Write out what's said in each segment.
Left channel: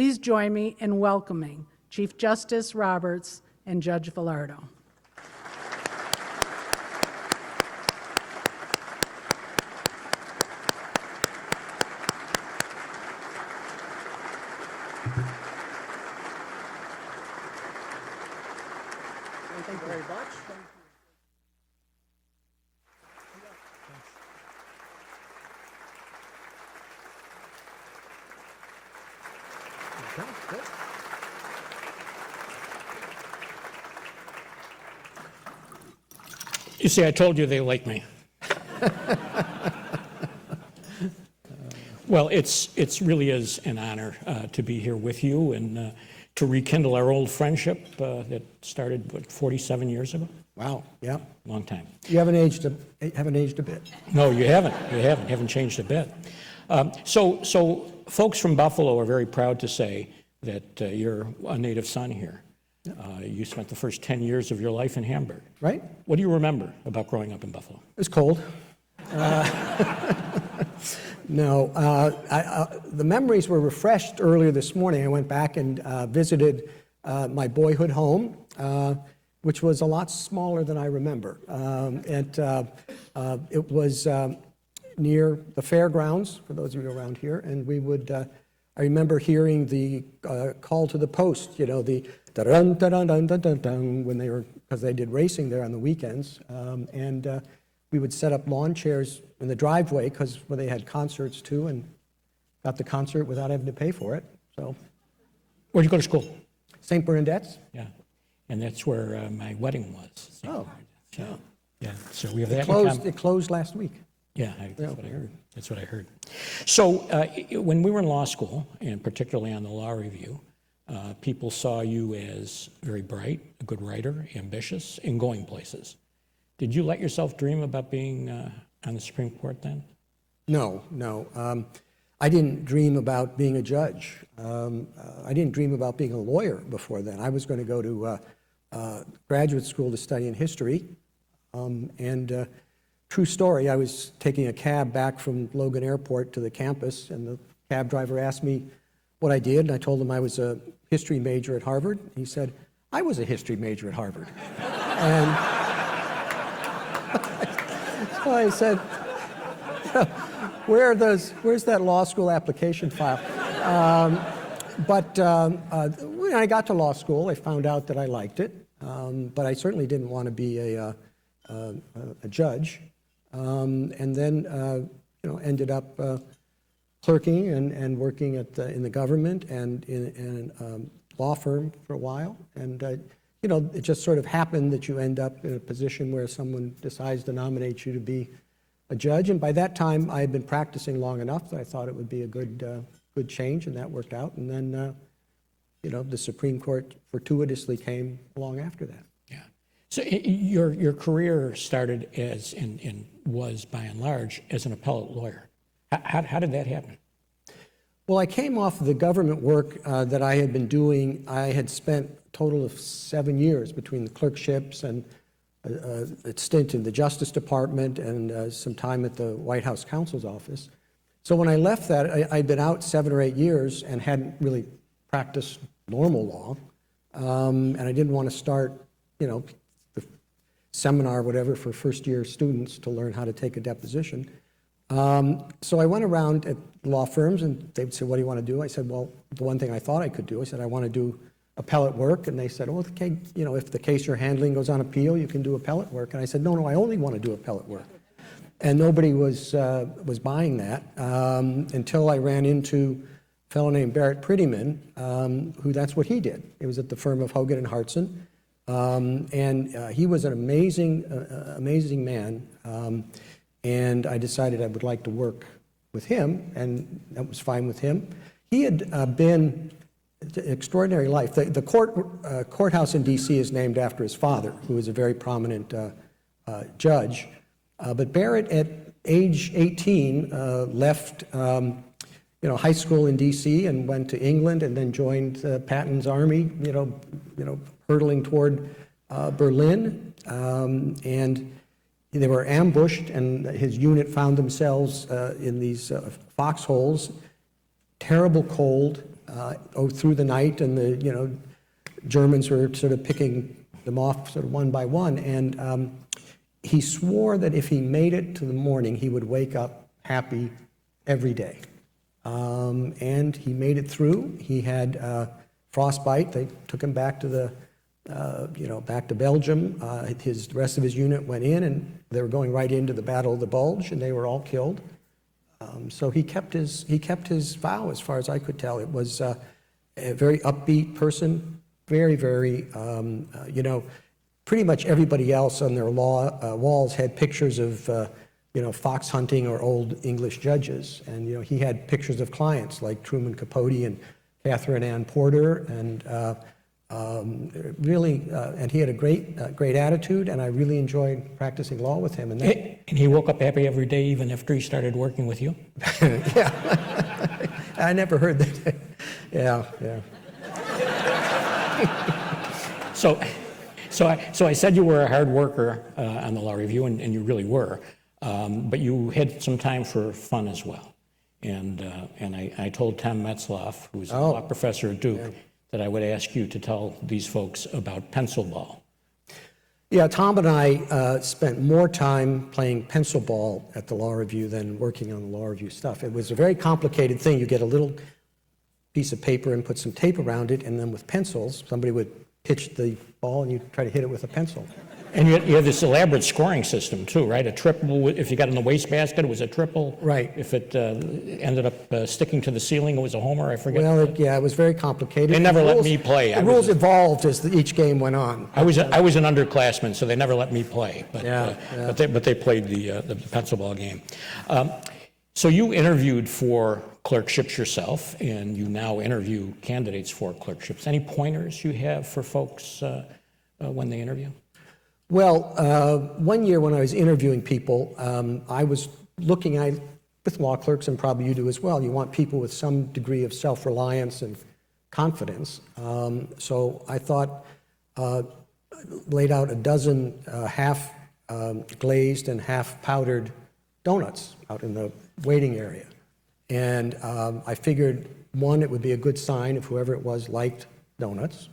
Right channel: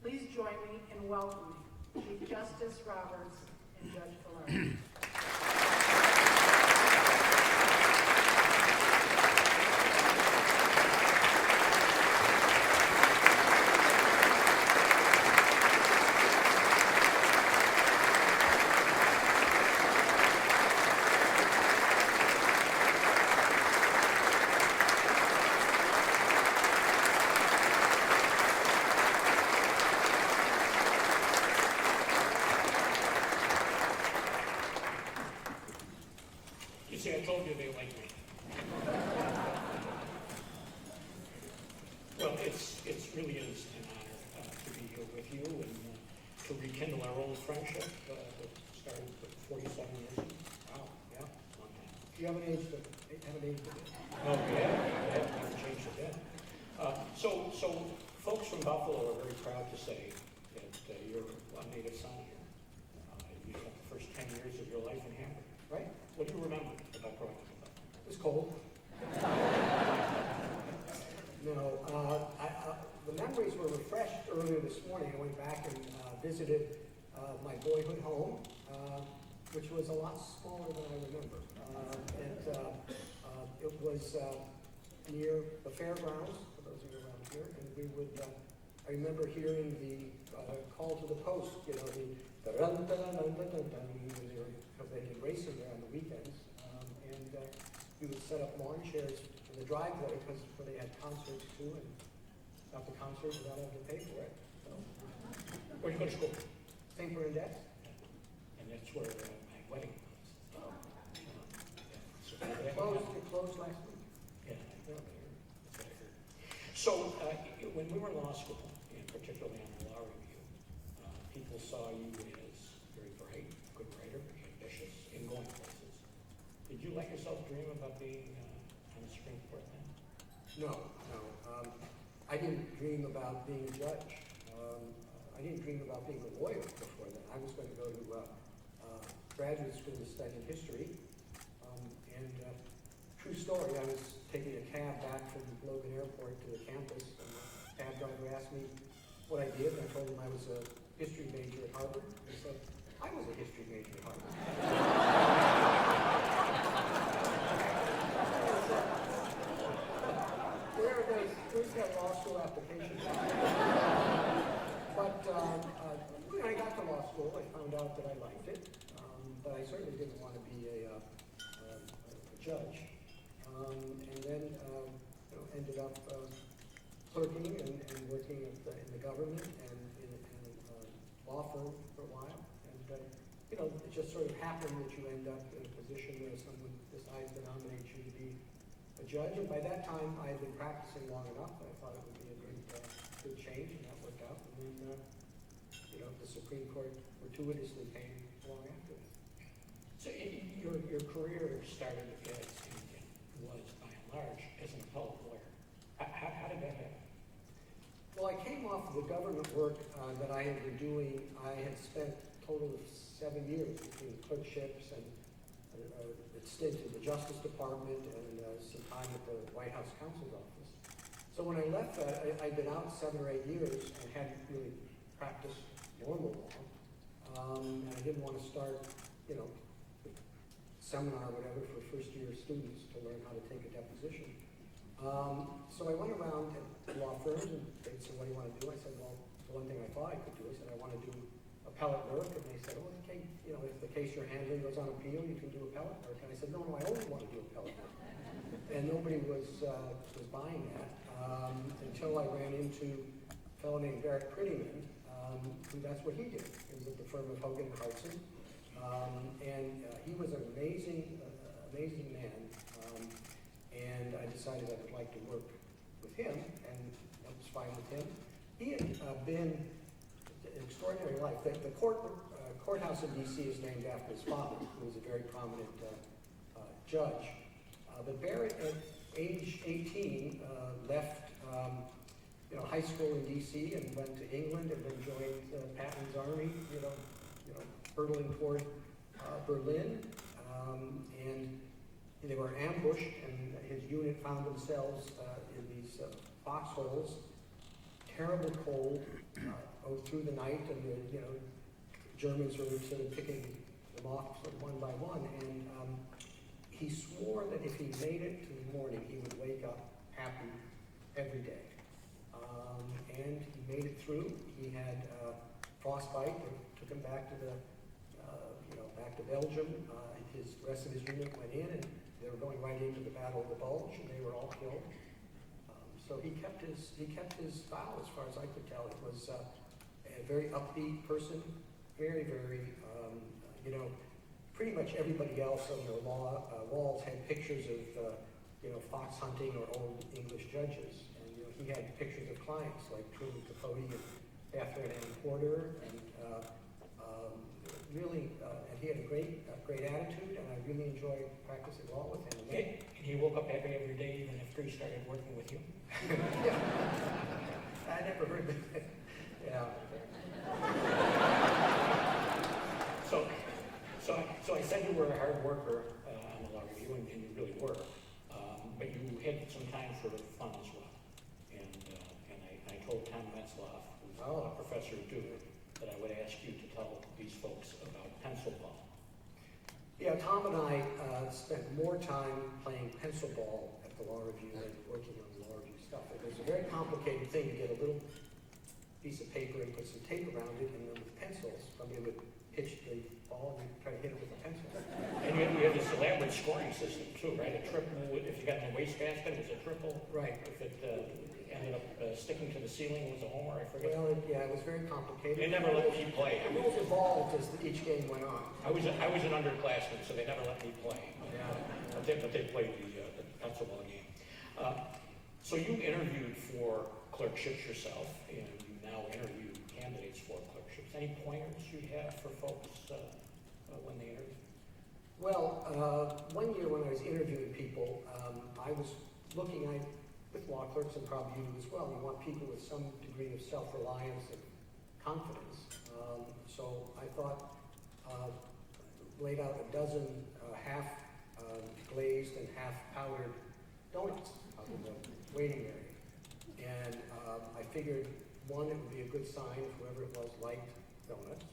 Please join me in welcoming Chief Justice Roberts and Judge Velardo. You see, I told you they like me. Well, it's really is an honor to be here with you and to rekindle our old friendship that started, what, 47 years ago? Wow, yeah. Long time. You haven't aged a bit. No, you haven't. You haven't changed a bit. So folks from Buffalo are very proud to say that you're a native son here. You spent the first 10 years of your life in Hamburg. Right? What do you remember about growing up in Buffalo? It was cold. No, the memories were refreshed earlier this morning. I went back and visited my boyhood home, which was a lot smaller than I remember. It was near the fairgrounds, for those of you around here, and we would, I remember hearing the call to the post, you know, the da-dun, da-dun, dun, dun, dun, dun, when they were, because they did racing there on the weekends, and we would set up lawn chairs in the driveway because they had concerts too, and got the concert without having to pay for it. So, Where'd you go to school? St. Bernadette's. Yeah, and that's where my wedding was. Oh, Yeah, yeah. So we have that in closed. common. It closed last week. Yeah, that's what I heard. That's what I heard. So when we were in law school, and particularly on the law review, people saw you as very bright, a good writer, ambitious, and going places. Did you let yourself dream about being on the Supreme Court then? No. I didn't dream about being a judge. I didn't dream about being a lawyer before then. I was going to go to graduate school to study in history. True story, I was taking a cab back from Logan Airport to the campus, and the cab driver asked me what I did, and I told him I was a history major at Harvard. He said, I was a history major at Harvard. And so I said, where's that law school application file? When I got to law school, I found out that I liked it, but I certainly didn't want to be a judge. And then ended up clerking and working in the government and in a law firm for a while. And it just sort of happened that you end up in a position where someone decides to nominate you to be a judge. And by that time, I had been practicing long enough that I thought it would be a good change, and that worked out. And then, the Supreme Court fortuitously came along after that. Yeah. So your career started as, and was by and large, as an appellate lawyer. How did that happen? Well, I came off of the government work that I had been doing. I had spent a total of 7 years between the clerkships and a stint in the Justice Department and some time at the White House counsel's office. So when I left that, I'd been out 7 or 8 years and hadn't really practiced normal law. And I didn't want to start, the seminar or whatever for first-year students to learn how to take a deposition. So I went around at law firms, and they'd say, what do you want to do? I said, well, the one thing I thought I could do, I said, I want to do appellate work. And they said, well, okay, if the case you're handling goes on appeal, you can do appellate work. And I said, no, I only want to do appellate work. And nobody was buying that until I ran into a fellow named Barrett Prettyman, who that's what he did. He was at the firm of Hogan and Hartson. He was an amazing man. And I decided I would like to work with him, and that was fine with him. He had been an extraordinary life. The courthouse in D.C. is named after his father, who was a very prominent judge. But Barrett, at age 18, left high school in D.C. and went to England, and then joined Patton's army, hurtling toward Berlin. And they were ambushed, and his unit found themselves in these foxholes, terrible cold, through the night, and the, Germans were sort of picking them off sort of one by one. And he swore that if he made it to the morning, he would wake up happy every day. And he made it through. He had frostbite. They took him back to the, back to Belgium. The rest of his unit went in, and they were going right into the Battle of the Bulge, and they were all killed. So he kept his vow, as far as I could tell. It was a very upbeat person, very, very, pretty much everybody else on their walls had pictures of, fox hunting or old English judges. And, he had pictures of clients like Truman Capote and Catherine Ann Porter, and and he had a great attitude, and I really enjoyed practicing law with him. And he woke up happy every day, even after he started working with you? Yeah, I never heard that. Yeah. So I said you were a hard worker on the law review, and you really were, but you had some time for fun as well. And I told Tom Metzloff, who's a law professor at Duke, that I would ask you to tell these folks about pencil ball. Yeah, Tom and I spent more time playing pencil ball at the law review than working on the law review stuff. It was a very complicated thing. You get a little piece of paper and put some tape around it, and then with pencils, somebody would pitch the ball and you try to hit it with a pencil. And you had this elaborate scoring system too, right? A triple, if you got in the wastebasket, it was a triple. Right. If it ended up sticking to the ceiling, it was a homer, I forget. Well, it was very complicated. They never let me play. The rules evolved as each game went on. I was an underclassman, so they never let me play. But, Yeah. but they played the pencil ball game. So you interviewed for clerkships yourself, and you now interview candidates for clerkships. Any pointers you have for folks when they interview? Well, one year when I was interviewing people, I was looking with law clerks, and probably you do as well, you want people with some degree of self-reliance and confidence. So I thought, laid out a dozen half glazed and half powdered donuts out in the waiting area. And I figured, one, it would be a good sign if whoever it was liked donuts.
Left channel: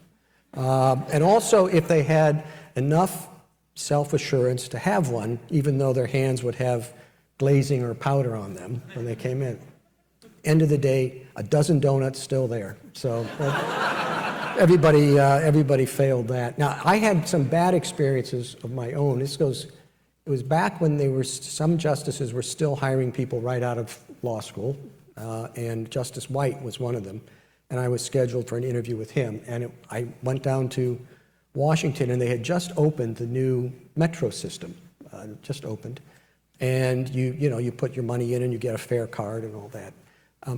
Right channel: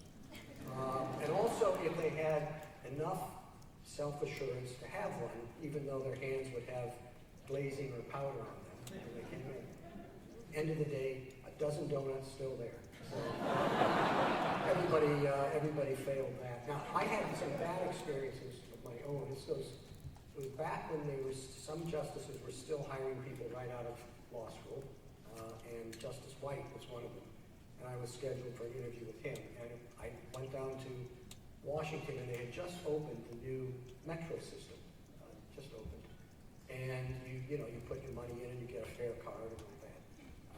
And also if they had enough self-assurance to have one, even though their hands would have glazing or powder on them when they came in. End of the day, a dozen donuts still there. So everybody failed that. Now, I had some bad experiences of my own. It was back when some justices were still hiring people right out of law school, and Justice White was one of them, and I was scheduled for an interview with him. And I went down to Washington, and they had just opened the new metro system, just opened. And you put your money in and you get a fare card and all that.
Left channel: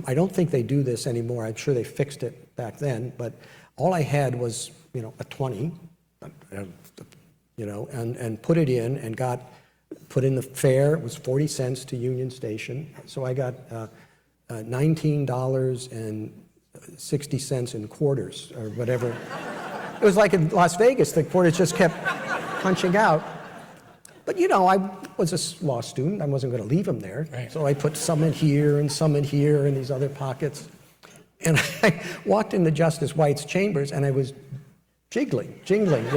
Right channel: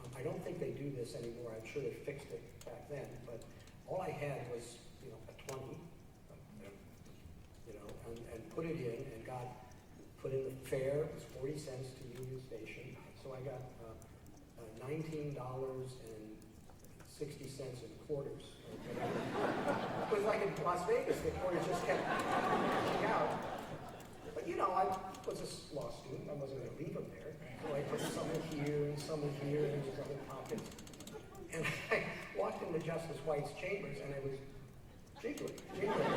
I don't think they do this anymore. I'm sure they fixed it back then, but all I had was, a 20, and put it in and put in the fare. It was 40 cents to Union Station. So I got $19.60 in quarters or whatever. It was like in Las Vegas, the quarters just kept punching out. But I was a law student. I wasn't going to leave them there. Right. So I put some in here and some in here in these other pockets. And I walked into Justice White's chambers, and I was jingling, jingling. He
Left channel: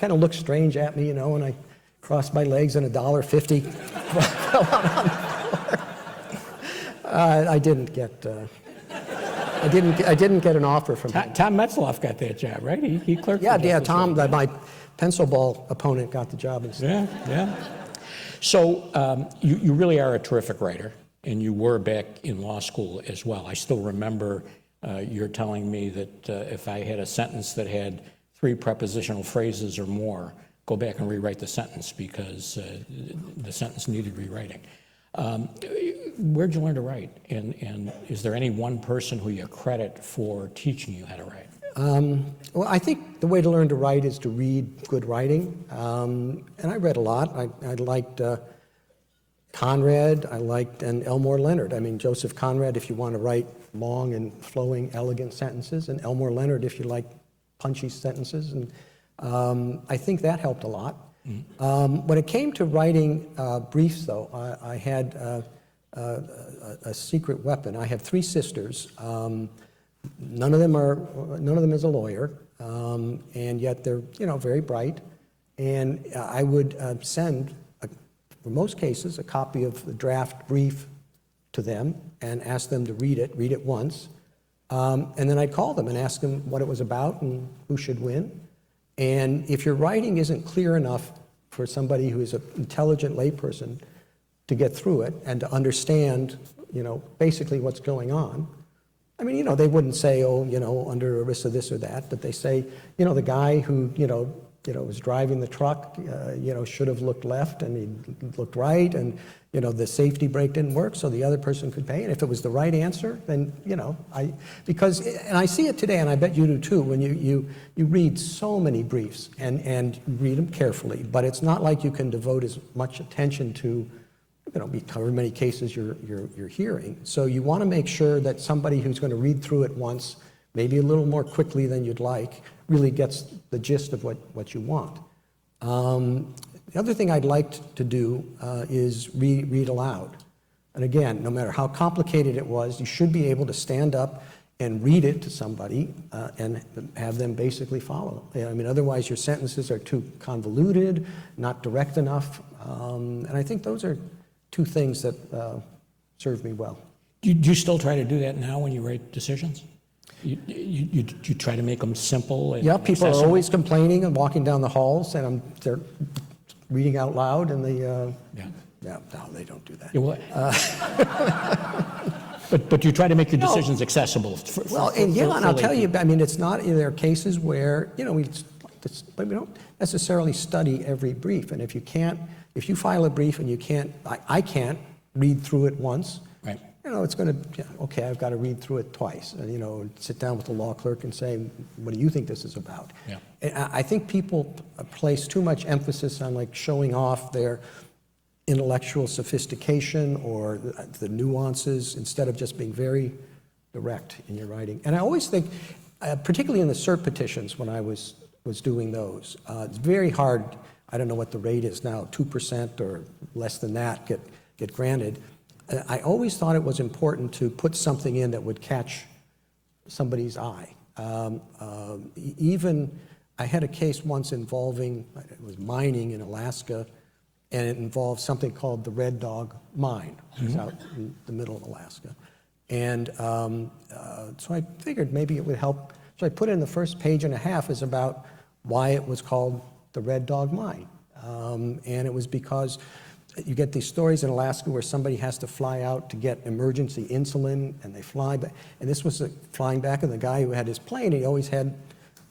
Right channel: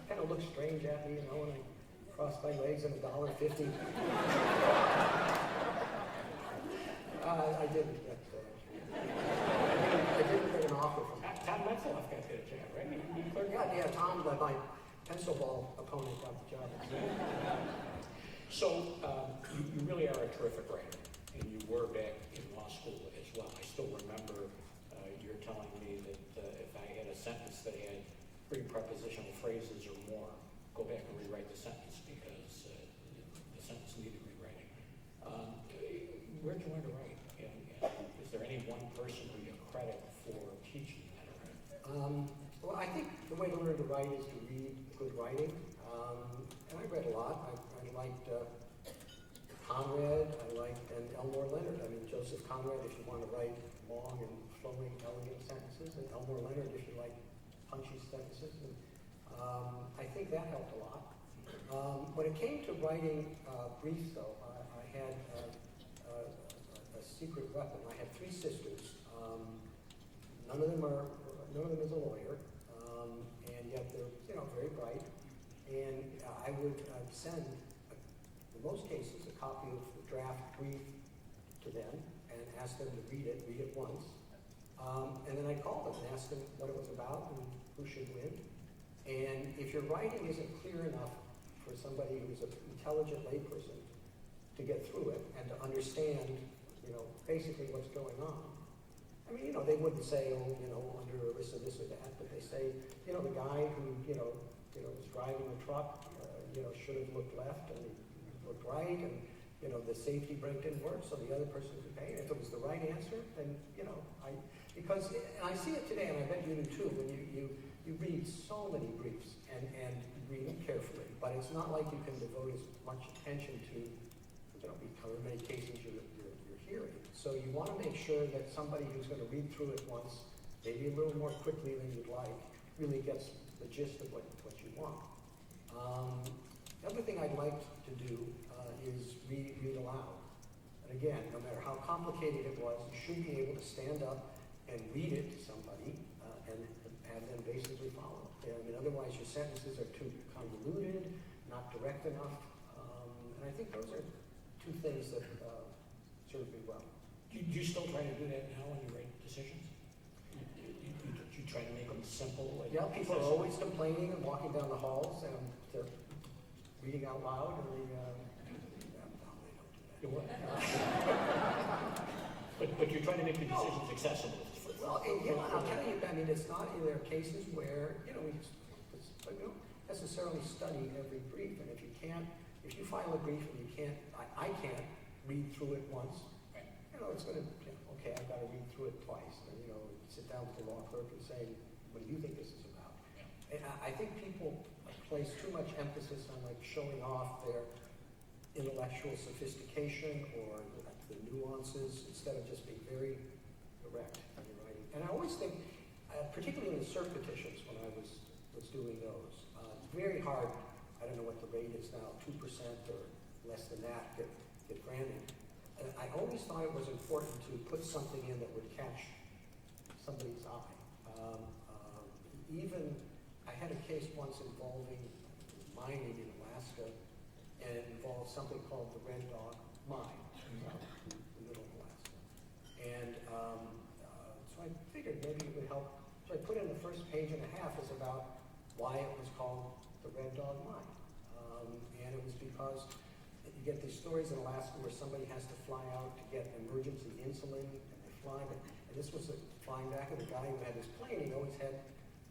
kind of looked strange at me, and I crossed my legs, and $1.50 fell out on the floor. I didn't get an offer from him. Tom Metzloff got that job, right? He clerked. Yeah, Tom, my pencil ball opponent, got the job instead. Yeah. So you really are a terrific writer, and you were back in law school as well. I still remember you're telling me that if I had a sentence that had 3 prepositional phrases or more, go back and rewrite the sentence because the sentence needed rewriting. Where'd you learn to write? And is there any one person who you credit for teaching you how to write? Well, I think the way to learn to write is to read good writing. And I read a lot. I liked Conrad, and Elmore Leonard. I mean, Joseph Conrad, if you want to write long and flowing, elegant sentences, and Elmore Leonard, if you like punchy sentences. And I think that helped a lot. When it came to writing briefs, though, I had a a secret weapon. I have 3 sisters. None of them is a lawyer, and yet they're, very bright. And I would send, for most cases, a copy of the draft brief to them and ask them to read it once. And then I'd call them and ask them what it was about and who should win. And if your writing isn't clear enough for somebody who is an intelligent layperson to get through it and to understand, basically what's going on. I mean, they wouldn't say, under ERISA this or that, but they say, the guy who, was driving the truck, should have looked left and he looked right, and, the safety brake didn't work, so the other person could pay. And if it was the right answer, then, and I see it today, and I bet you do too, when you read so many briefs and read them carefully, but it's not like you can devote as much attention to, however many cases you're hearing. So you want to make sure that somebody who's going to read through it once, maybe a little more quickly than you'd like, really gets the gist of what you want. The other thing I'd like to do is read aloud. And again, no matter how complicated it was, you should be able to stand up and read it to somebody and have them basically follow. I mean, otherwise your sentences are too convoluted, not direct enough. And I think those are 2 things that serve me well. Do you still try to do that now when you write decisions? You try to make them simple and Yeah, people accessible? are always complaining and walking down the halls, and they're reading out loud, and no, they don't do that. Yeah, but you try to make your decisions accessible. And I'll tell you, I mean, it's not, there are cases where, we don't necessarily study every brief, and if you file a brief and you can't, I can't read through it once, right. It's going to, okay, I've got to read through it twice, and, sit down with the law clerk and say, what do you think this is about? Yeah. And I think people place too much emphasis on like showing off their intellectual sophistication or the nuances instead of just being very direct in your writing. And I always think, particularly in the cert petitions when I was doing those, it's very hard. I don't know what the rate is now, 2% or less than that get granted. I always thought it was important to put something in that would catch somebody's eye. Even, I had a case once involving, it was mining in Alaska, and it involved something called the Red Dog Mine. It was out in the middle of Alaska. And so I figured maybe it would help. So I put in the first page and a half is about why it was called the Red Dog Mine. And it was because you get these stories in Alaska where somebody has to fly out to get emergency insulin, and they fly back. And this was flying back, and the guy who had his plane, he always had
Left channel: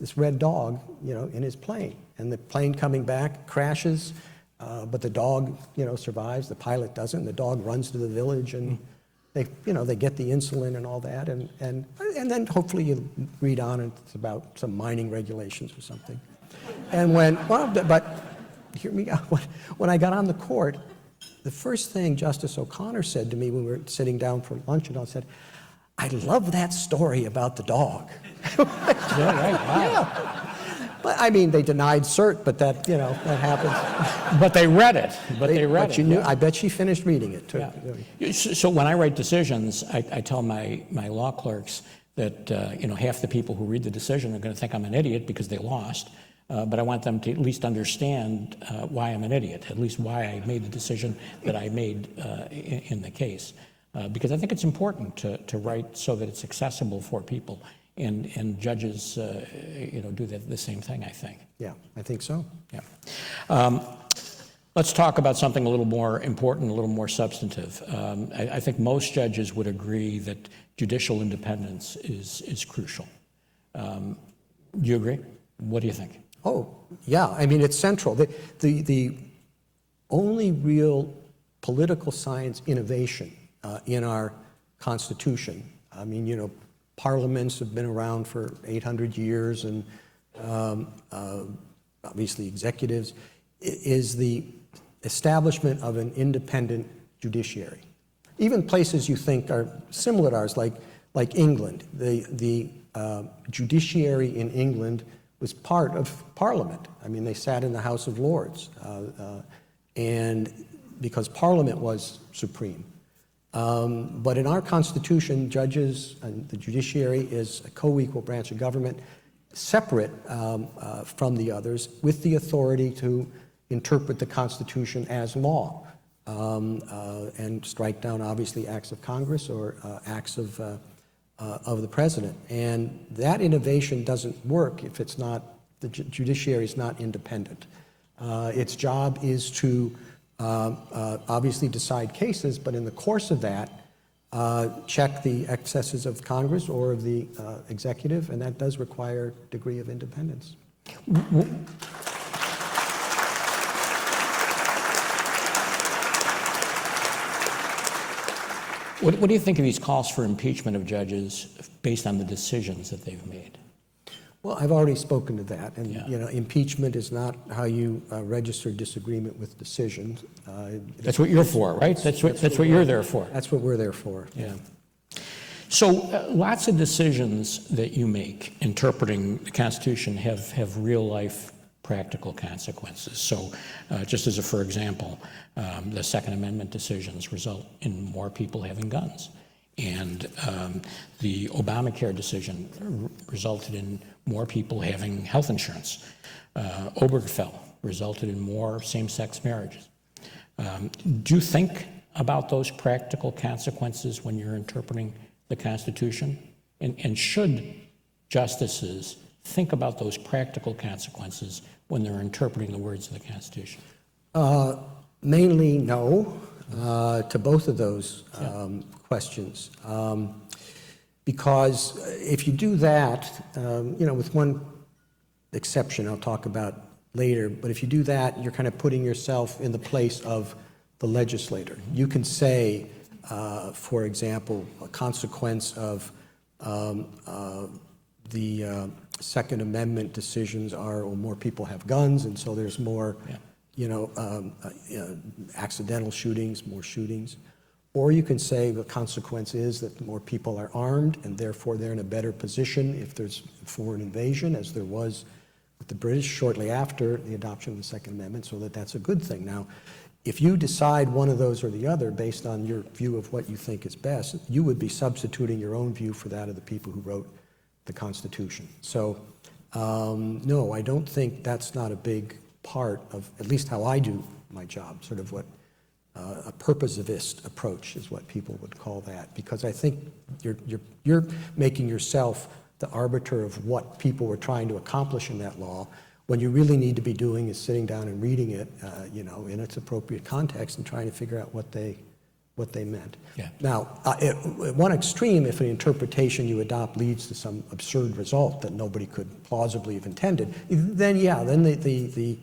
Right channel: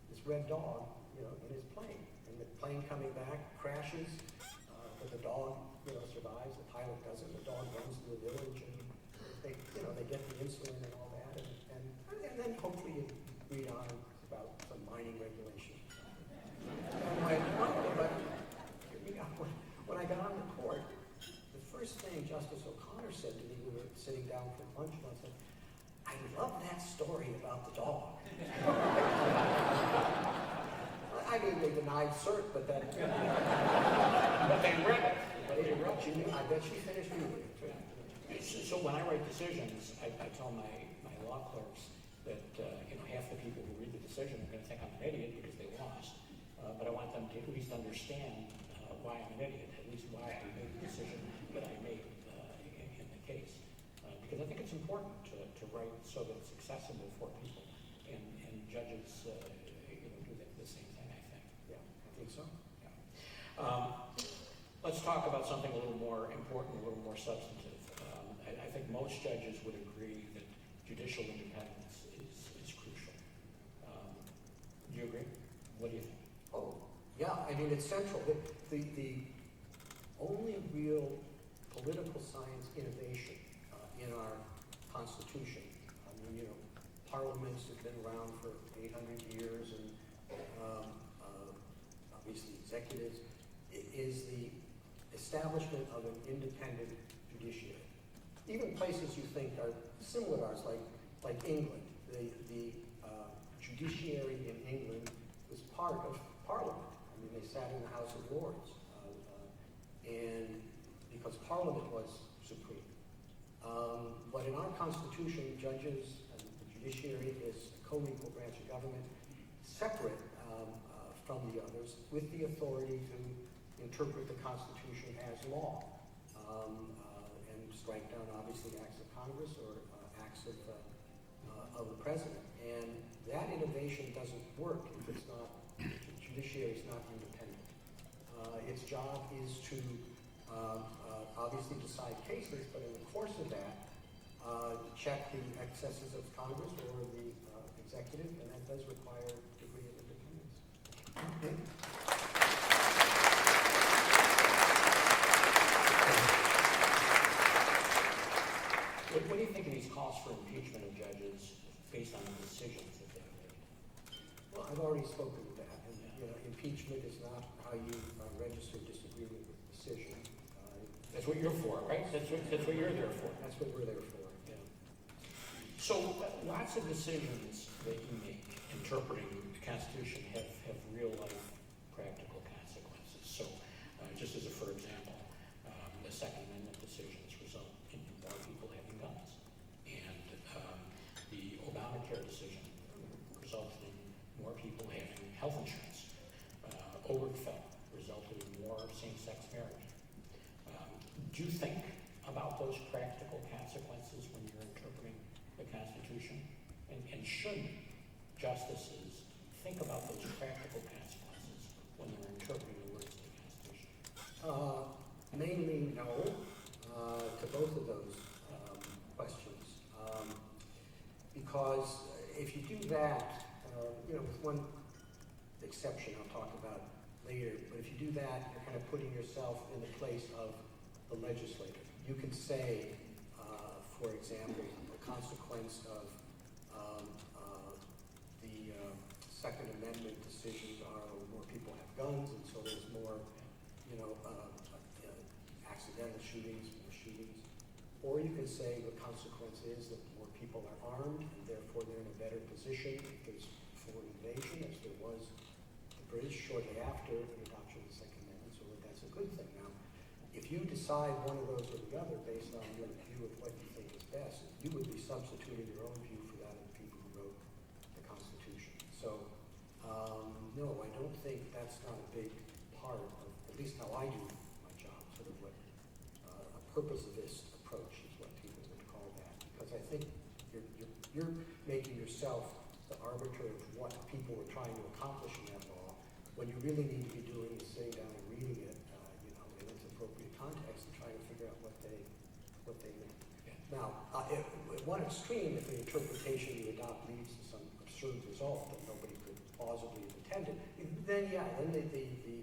this red dog, in his plane. And the plane coming back crashes, but the dog, survives. The pilot doesn't. And the dog runs to the village, and they get the insulin and all that. And then hopefully you read on, and it's about some mining regulations or something. And but hear me out. When I got on the court, the first thing Justice O'Connor said to me when we were sitting down for lunch and all said, "I love that story about the dog." Yeah, right. Wow. Yeah. But I mean, they denied cert, but that, that happens. But they read it. But you knew, yeah. I bet she finished reading it too. Yeah. So when I write decisions, I tell my law clerks that half the people who read the decision are going to think I'm an idiot because they lost. But I want them to at least understand why I'm an idiot, at least why I made the decision that I made in the case. Because I think it's important to write so that it's accessible for people. And judges, do the same thing, I think. Yeah, I think so. Yeah. Let's talk about something a little more important, a little more substantive. I think most judges would agree that judicial independence is crucial. Do you agree? What do you think? Oh, yeah. I mean, it's central. The only real political science innovation in our Constitution, I mean, parliaments have been around for 800 years, and obviously executives, is the establishment of an independent judiciary. Even places you think are similar to ours, like England, the judiciary in England was part of Parliament. I mean, they sat in the House of Lords, and because Parliament was supreme. But in our Constitution, judges and the judiciary is a co-equal branch of government, separate from the others, with the authority to interpret the Constitution as law and strike down, obviously, acts of Congress or acts of the president. And that innovation doesn't work if it's not, the judiciary is not independent. Its job is to obviously decide cases, but in the course of that, check the excesses of Congress or of the executive, and that does require a degree of independence. What do you think of these calls for impeachment of judges based on the decisions that they've made? Well, I've already spoken to that, and Yeah. you know, impeachment is not how you register disagreement with decisions. That's what you're for, right? That's what you're there for. That's what we're there for. Yeah. So lots of decisions that you make interpreting the Constitution have real-life practical consequences. So just as a for example, the Second Amendment decisions result in more people having guns. And the Obamacare decision resulted in more people having health insurance. Obergefell resulted in more same-sex marriages. Do you think about those practical consequences when you're interpreting the Constitution? And should justices think about those practical consequences when they're interpreting the words of the Constitution? Mainly no to both of those questions. Because if you do that, you know, with one exception I'll talk about later, but if you do that, you're kind of putting yourself in the place of the legislator. You can say, for example, a consequence of the Second Amendment decisions are, well, more people have guns, and so there's more, you know, accidental shootings, more shootings. Or you can say the consequence is that more people are armed, and therefore they're in a better position if there's foreign invasion, as there was with the British shortly after the adoption of the Second Amendment, so that's a good thing. Now, if you decide one of those or the other based on your view of what you think is best, you would be substituting your own view for that of the people who wrote the Constitution. So, no, I don't think that's not a big part of at least how I do my job, sort of what a purposivist approach is what people would call that, because I think you're making yourself the arbiter of what people were trying to accomplish in that law, when you really need to be doing is sitting down and reading it, you know, in its appropriate context and trying to figure out what they meant. Yeah. Now, at one extreme, if an interpretation you adopt leads to some absurd result that nobody could plausibly have intended, then yeah, then the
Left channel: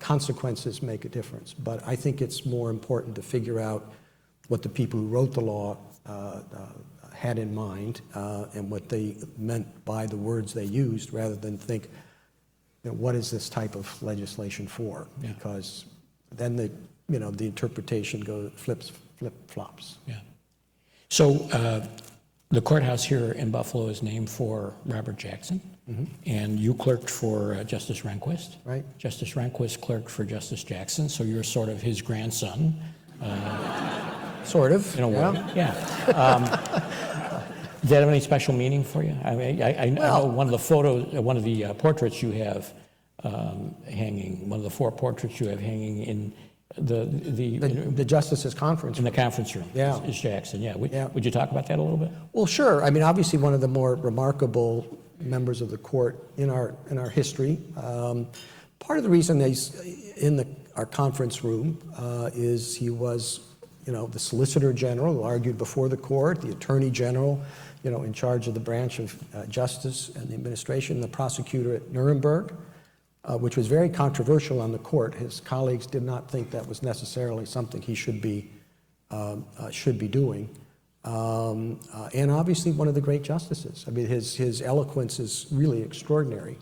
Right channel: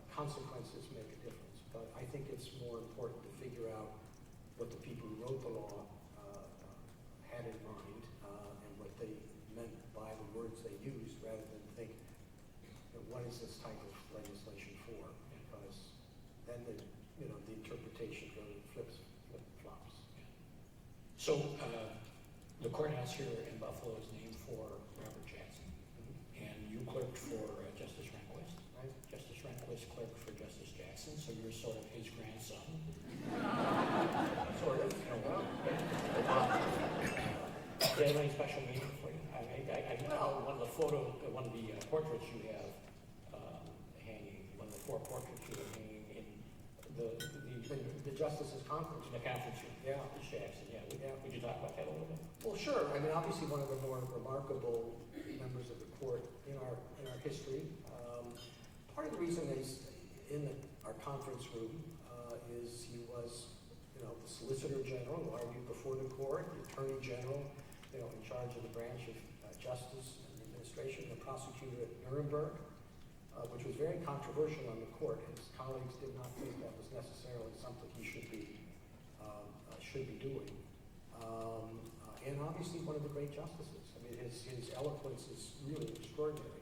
consequences make a difference. But I think it's more important to figure out what the people who wrote the law had in mind and what they meant by the words they used, rather than think, you know, what is this type of legislation for? Yeah. Because then the interpretation flip-flops. Yeah. So the courthouse here in Buffalo is named for Robert Jackson, and you clerked for Justice Rehnquist. Right. Justice Rehnquist clerked for Justice Jackson, so you're sort of his grandson. Sort of. In a way. Yeah. Does that have any special meaning for you? I mean, I know one of the photos, one of the portraits you have hanging, one of the 4 portraits you have hanging in the Justice's conference room. In the conference room. Yeah. Is Jackson, yeah. Would you talk about that a little bit? Well, sure. I mean, obviously one of the more remarkable members of the court in our history. Part of the reason he's in our conference room is he was, you know, the Solicitor General who argued before the court, the Attorney General, you know, in charge of the branch of justice and the administration, the prosecutor at Nuremberg, which was very controversial on the court. His colleagues did not think that was necessarily something he should be doing. And obviously one of the great justices. I mean, his eloquence is really extraordinary.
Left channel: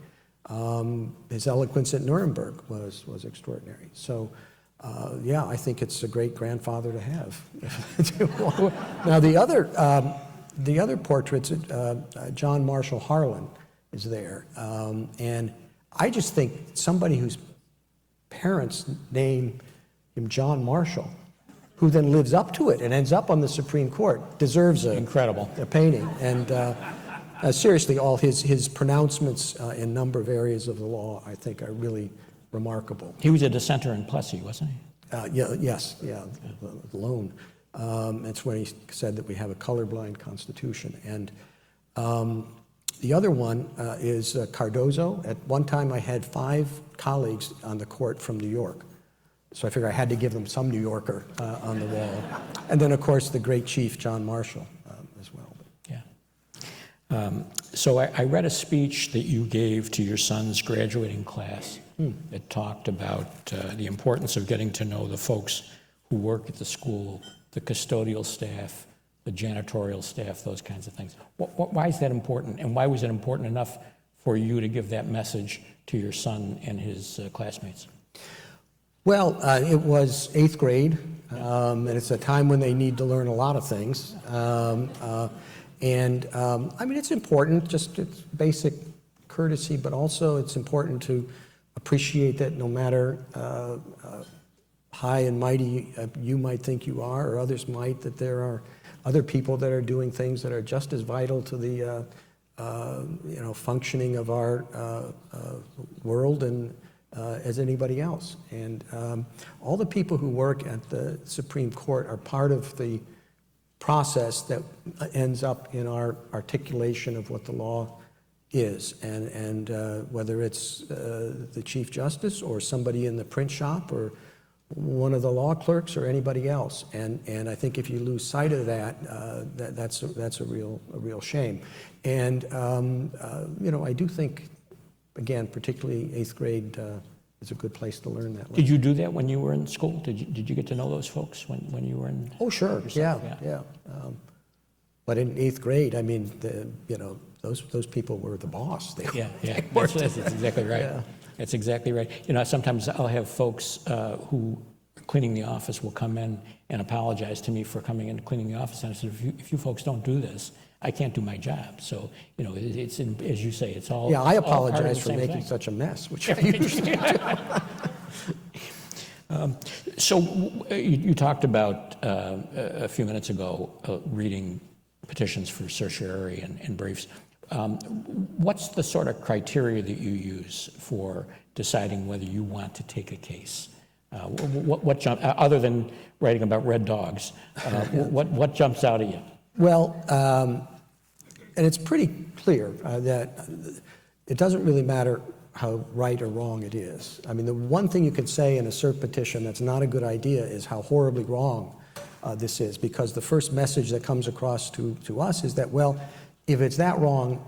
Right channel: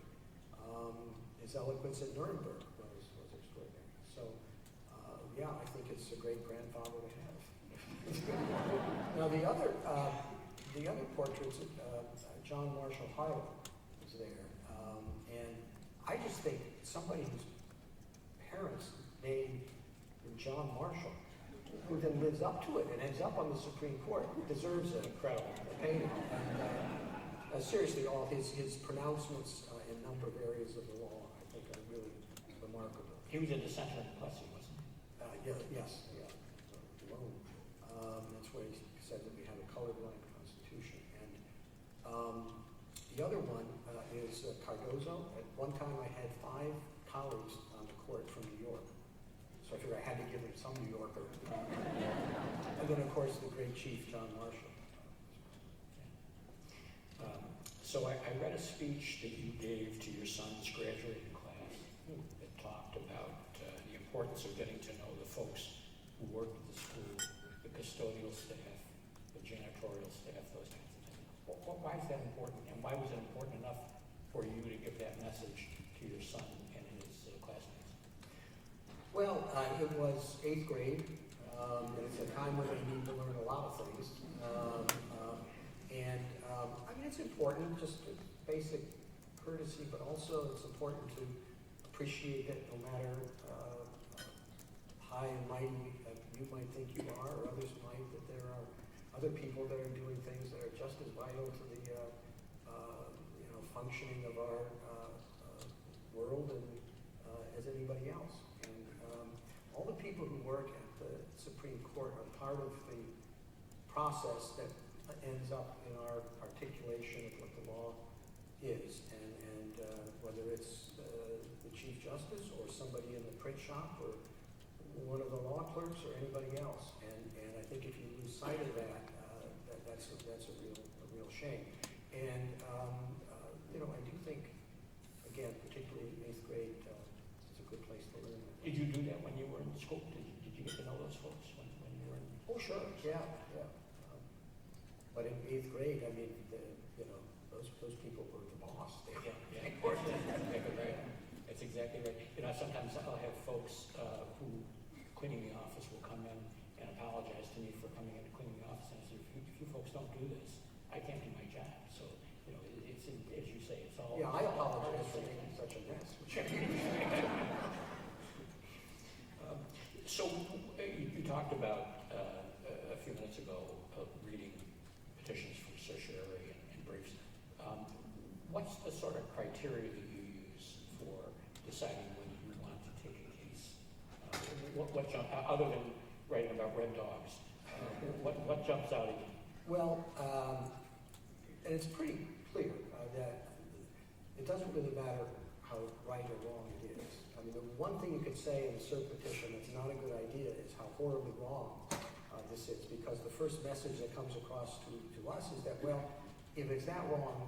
His eloquence at Nuremberg was extraordinary. So, yeah, I think it's a great grandfather to have. Now, the other portraits, John Marshall Harlan is there, and I just think somebody whose parents name him John Marshall who then lives up to it and ends up on the Supreme Court, deserves Incredible. a painting. And seriously, all his pronouncements in a number of areas of the law, I think, are really remarkable. He was a dissenter in Plessy, wasn't he? Yes, the loan. It's when he said that we have a colorblind constitution. And the other one is Cardozo. At one time, I had 5 colleagues on the court from New York. So I figured I had to give them some New Yorker on the wall. And then, of course, the great Chief John Marshall as well. Yeah. So I read a speech that you gave to your son's graduating class that talked about the importance of getting to know the folks who work at the school, the custodial staff, the janitorial staff, those kinds of things. Why is that important, and why was it important enough for you to give that message to your son and his classmates? Well, it was 8th grade, and it's a time when they need to learn a lot of things. I mean, it's important, just it's basic courtesy, but also it's important to appreciate that no matter high and mighty you might think you are, or others might, that there are other people that are doing things that are just as vital to the functioning of our world and as anybody else. And all the people who work at the Supreme Court are part of the process that ends up in our articulation of what the law is. And whether it's the Chief Justice or somebody in the print shop or one of the law clerks or anybody else. And I think if you lose sight of that, that's a real shame. And I do think, again, particularly 8th grade is a good place to learn that. Did you do that when you were in school? Did you get to know those folks when you were in? Oh, sure, yeah. But in 8th grade, I mean, those people were the boss. Yeah. That's exactly right. Yeah. That's exactly right. Sometimes I'll have folks who cleaning the office will come in and apologize to me for coming in and cleaning the office. And I said, if you folks don't do this, I can't do my job. So, it's as you say, it's all. Yeah, I apologize all part of the for same making thing. such a mess, which I usually do. So you talked about a few minutes ago reading petitions for certiorari and briefs. What's the sort of criteria that you use for deciding whether you want to take a case? What jump other than writing about red dogs? What jumps out at you? Well, and it's pretty clear that it doesn't really matter how right or wrong it is. I mean, the one thing you could say in a cert petition that's not a good idea is how horribly wrong this is, because the first message that comes across to us is that, well, if it's that wrong,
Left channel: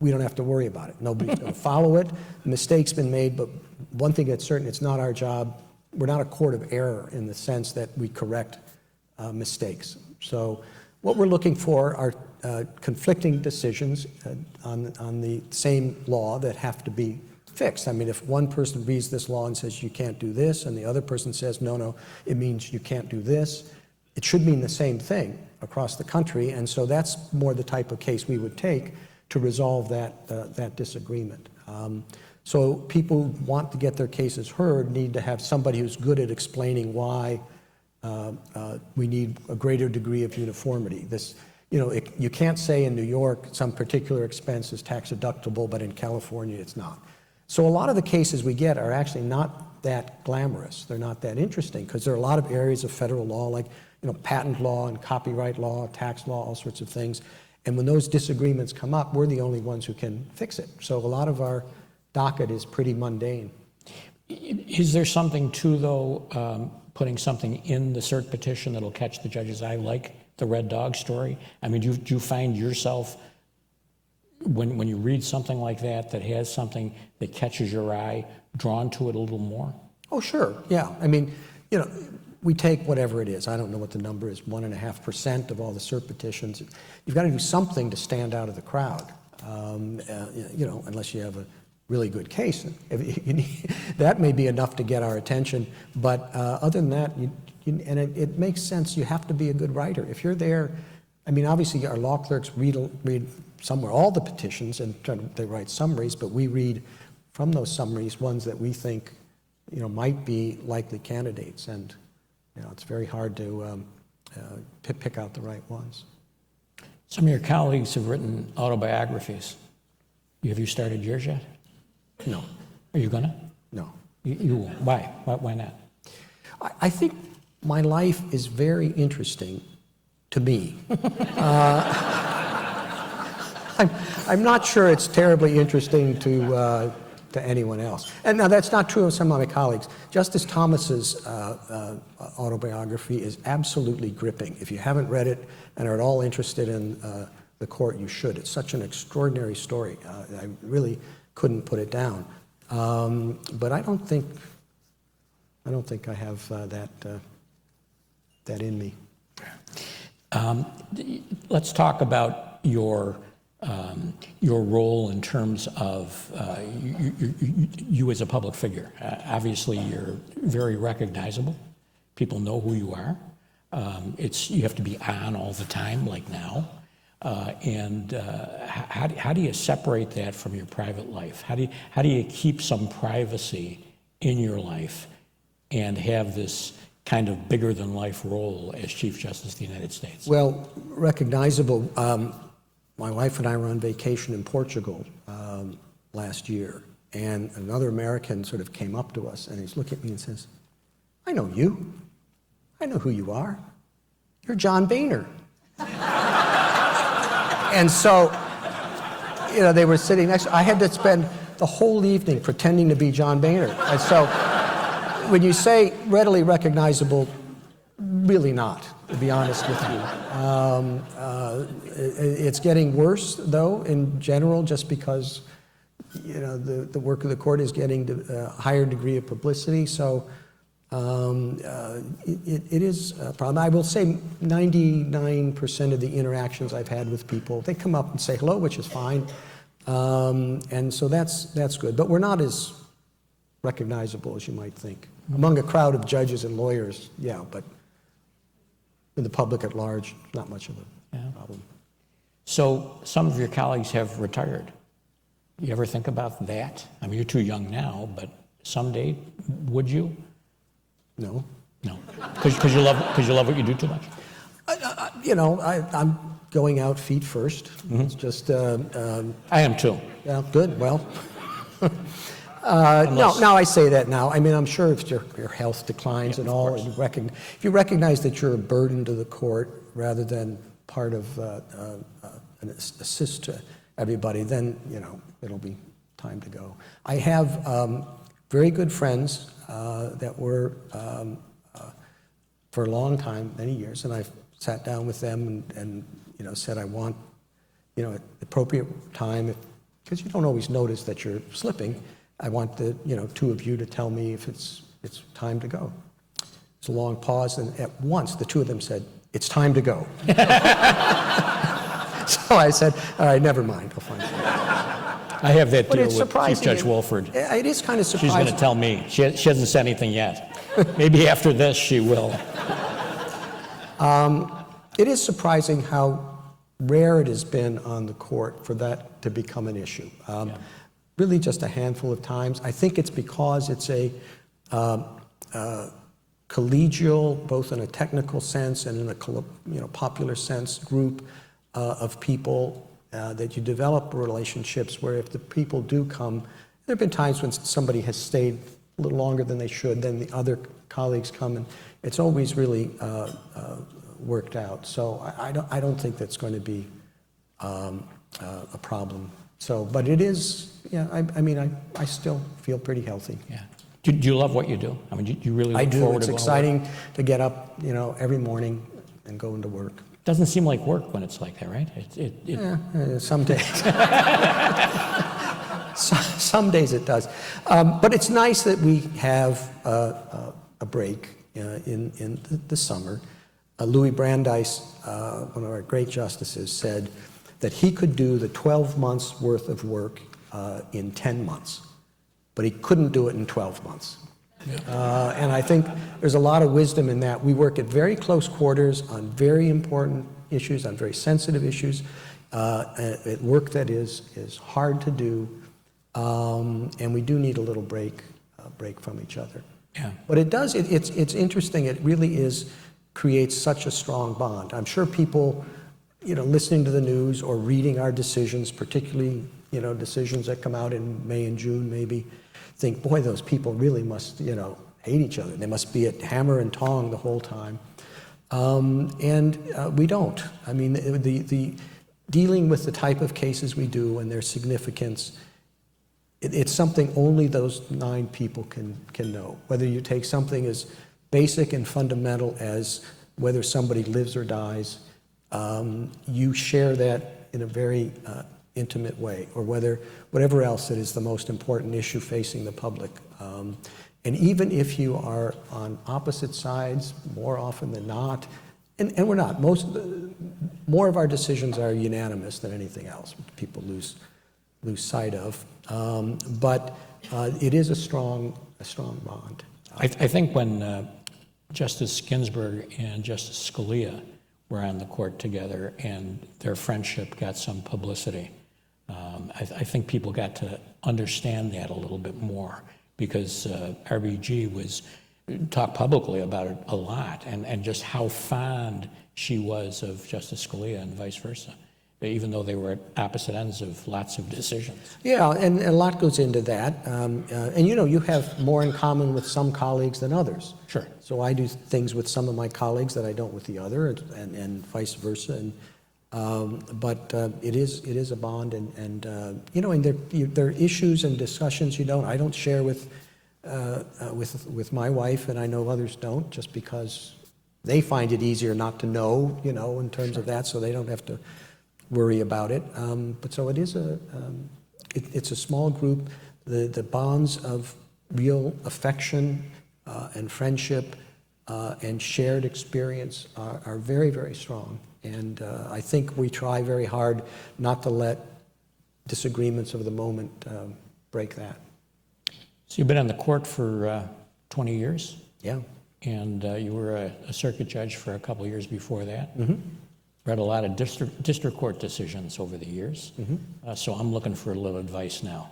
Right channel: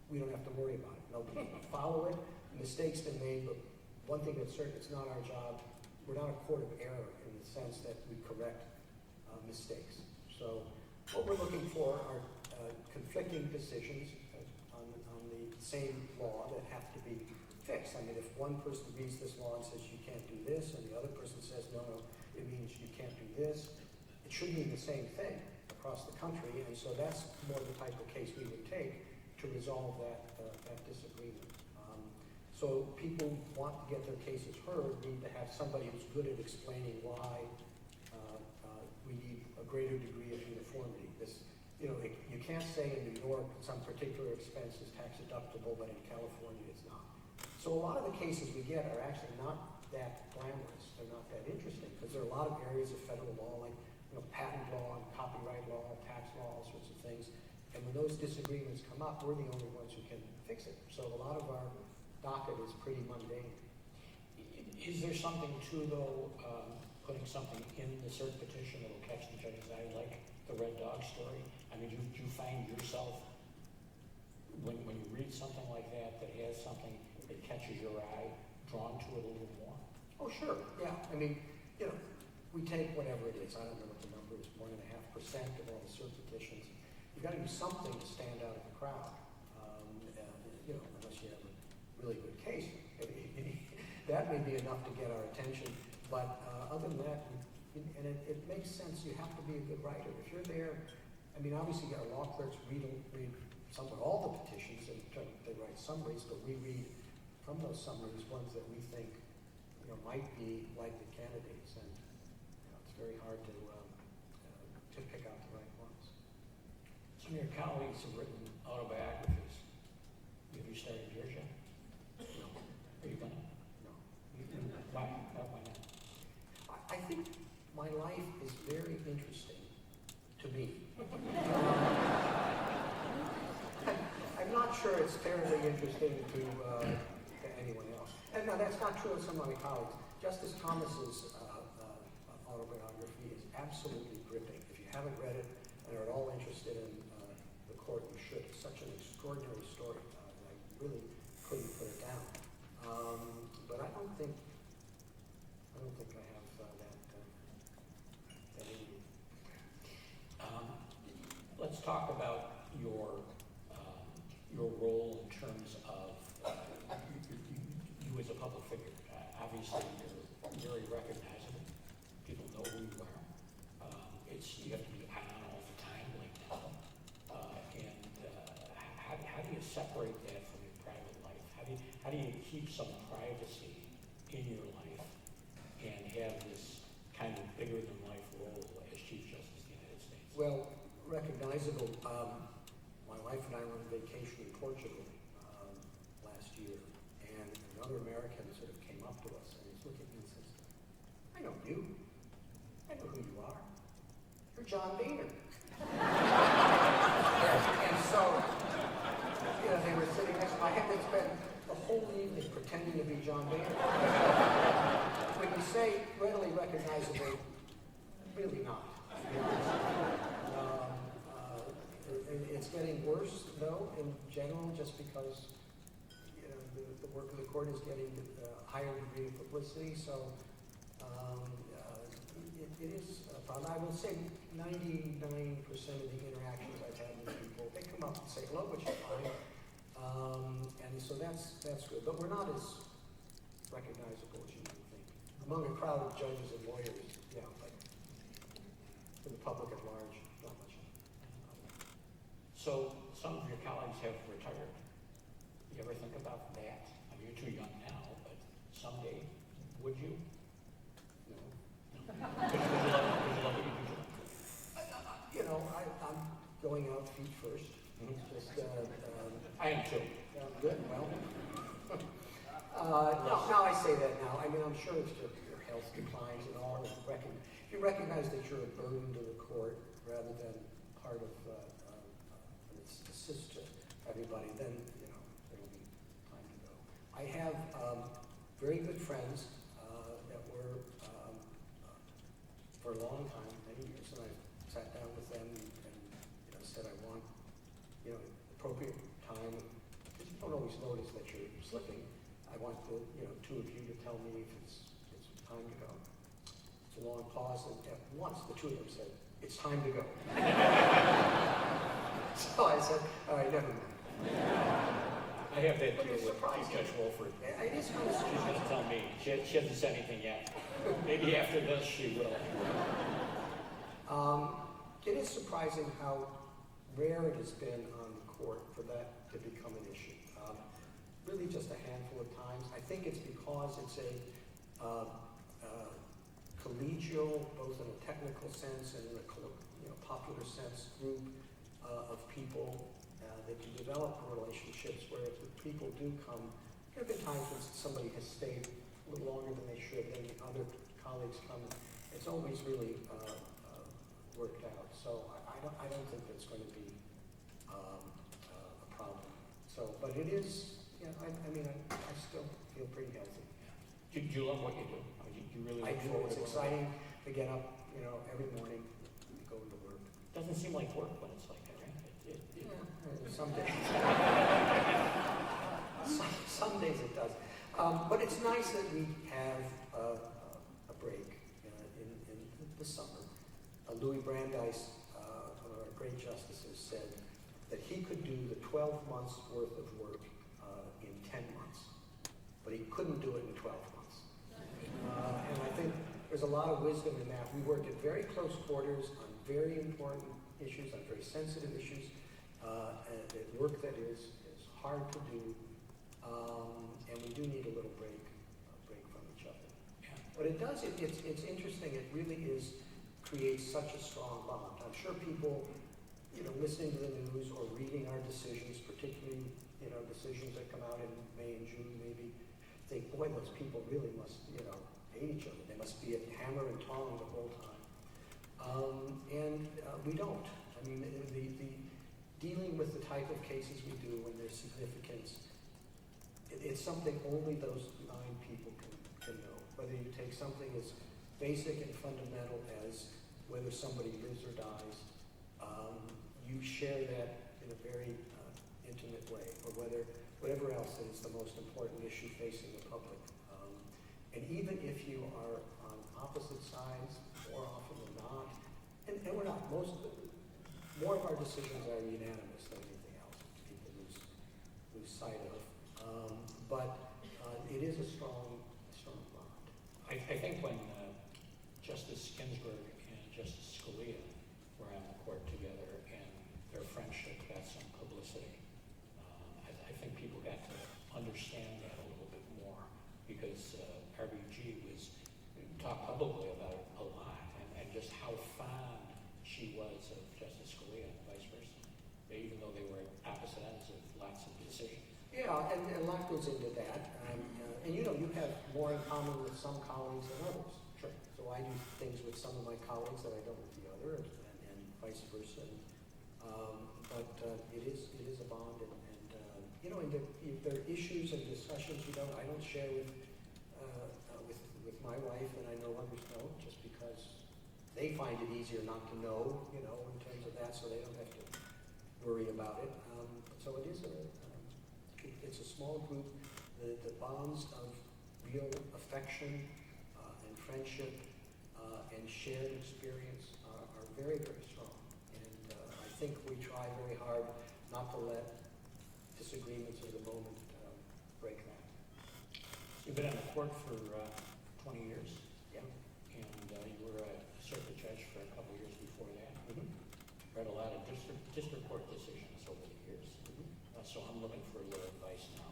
we don't have to worry about it. Nobody's going to follow it. A mistake's been made, but one thing that's certain, it's not our job. We're not a court of error in the sense that we correct mistakes. So what we're looking for are conflicting decisions on the same law that have to be fixed. I mean, if one person reads this law and says you can't do this, and the other person says, no, it means you can't do this, it should mean the same thing across the country. And so that's more the type of case we would take to resolve that disagreement. So people who want to get their cases heard need to have somebody who's good at explaining why we need a greater degree of uniformity. You can't say in New York some particular expense is tax deductible, but in California it's not. So a lot of the cases we get are actually not that glamorous. They're not that interesting because there are a lot of areas of federal law like patent law and copyright law, tax law, all sorts of things. And when those disagreements come up, we're the only ones who can fix it. So a lot of our docket is pretty mundane. Is there something too, though, putting something in the cert petition that'll catch the judge's eye, like the red dog story? I mean, do you find yourself, when you read something like that has something that catches your eye, drawn to it a little more? Oh, sure, yeah. I mean, we take whatever it is. I don't know what the number is, 1.5% of all the cert petitions. You've got to do something to stand out of the crowd, unless you have a really good case. That may be enough to get our attention, but other than that, it makes sense. You have to be a good writer. If you're there, I mean, obviously our law clerks read somewhere all the petitions and they write summaries, but we read from those summaries ones that we think might be likely candidates, and it's very hard to pick out the right ones. Some of your colleagues have written autobiographies. Have you started yours yet? No, Are you gonna? no. You won't. Why? Why not? I think my life is very interesting to me. I'm not sure it's terribly interesting to anyone else. And now that's not true of some of my colleagues. Justice Thomas's autobiography is absolutely gripping. If you haven't read it and are at all interested in the court, you should. It's such an extraordinary story. I really couldn't put it down. But I don't think I have that in me. Let's talk about your role in terms of you as a public figure. Obviously, you're very recognizable. People know who you are. You have to be on all the time, like now. How do you separate that from your private life? How do you keep some privacy in your life and have this kind of bigger than life role as Chief Justice of the United States? Well, recognizable. My wife and I were on vacation in Portugal last year, and another American sort of came up to us, and he's looking at me and says, "I know you. I know who you are. You're John Boehner." And so, they were sitting next. I had to spend the whole evening pretending to be John Boehner. And so, when you say readily recognizable, really not, to be honest with you. It's getting worse, though, in general, just because, the work of the court is getting a higher degree of publicity. So it is a problem. I will say 99% of the interactions I've had with people, they come up and say hello, which is fine. And so that's good. But we're not as recognizable as you might think. Among a crowd of judges and lawyers, yeah, but in the public at large, not much of a problem. So some of your colleagues have retired. You ever think about that? I mean, you're too young now, but someday, would you? No. No, because you love what you do too much. I'm going out feet first. Mm-hmm. It's just. I am too. Yeah, good. Well. No, I say that now. I mean, I'm sure if your health declines and all, and if you recognize that you're a burden to the court rather than part of an assist to everybody, then, it'll be time to go. I have very good friends that were for a long time, many years, and I've sat down with them and said I want, at appropriate time, because you don't always notice that you're slipping. I want the two of you to tell me if it's time to go. It's a long pause, and at once the two of them said, "It's time to go." So I said, "All right, never mind. I'll find out." I have that But deal it's with Chief surprising. Judge Wolford. It is kind of She's surprising. going to tell me. She hasn't said anything yet. Maybe after this she will. It is surprising how rare it has been on the court for that to become an issue. Really just a handful of times. I think it's because it's a collegial, both in a technical sense and in a popular sense, group of people that you develop relationships where if the people do come, there have been times when somebody has stayed a little longer than they should, then the other colleagues come, and it's always really worked out. So I don't think that's going to be a problem. So, but it is, I still feel pretty healthy. Yeah. Do you love what you do? I mean, do you really look I do. forward It's to going to exciting work? to get up, you go into and go into work. Doesn't seem like work when it's like that, right? Some days. Some days it does. But it's nice that we have a break in the summer. Louis Brandeis, one of our great justices, said that he could do the 12 months worth of work in 10 months, but he couldn't do it in 12 months. And I think there's a lot of wisdom in that. We work at very close quarters on very important issues, on very sensitive issues, at work that is hard to do, and we do need a little break from each other. Yeah. But it does, it's interesting, it really creates such a strong bond. I'm sure people, listening to the news or reading our decisions, particularly, decisions that come out in May and June maybe, think, boy, those people really must, hate each other. They must be at hammer and tong the whole time. We don't. I mean, the dealing with the type of cases we do and their significance, it's something only those 9 people can know. Whether you take something as basic and fundamental as whether somebody lives or dies, you share that in a very intimate way, or whatever else that is the most important issue facing the public. And even if you are on opposite sides, more often than not, and we're not, more of our decisions are unanimous than anything else, which people lose sight of. But it is a strong bond. I think when Justice Ginsburg and Justice Scalia were on the court together and their friendship got some publicity, I think people got to understand that a little bit more, because RBG talked publicly about it a lot, and just how fond she was of Justice Scalia and vice versa, even though they were at opposite ends of lots of decisions. Yeah, and a lot goes into that. And you have more in common with some colleagues than others. Sure. So I do things with some of my colleagues that I don't with the other, and vice versa. But it is a bond, and there are issues and discussions I don't share with my wife, and I know others don't, just because they find it easier not to know, in terms of that, so they don't have to worry about it. But so it is it's a small group. The bonds of real affection and friendship and shared experience are very, very strong. And I think we try very hard not to let disagreements of the moment break that. So you've been on the court for 20 years? Yeah. And you were a circuit judge for a couple of years before that. Mm-hmm. Read a lot of district court decisions over the years. Mm-hmm. So I'm looking for a little advice now.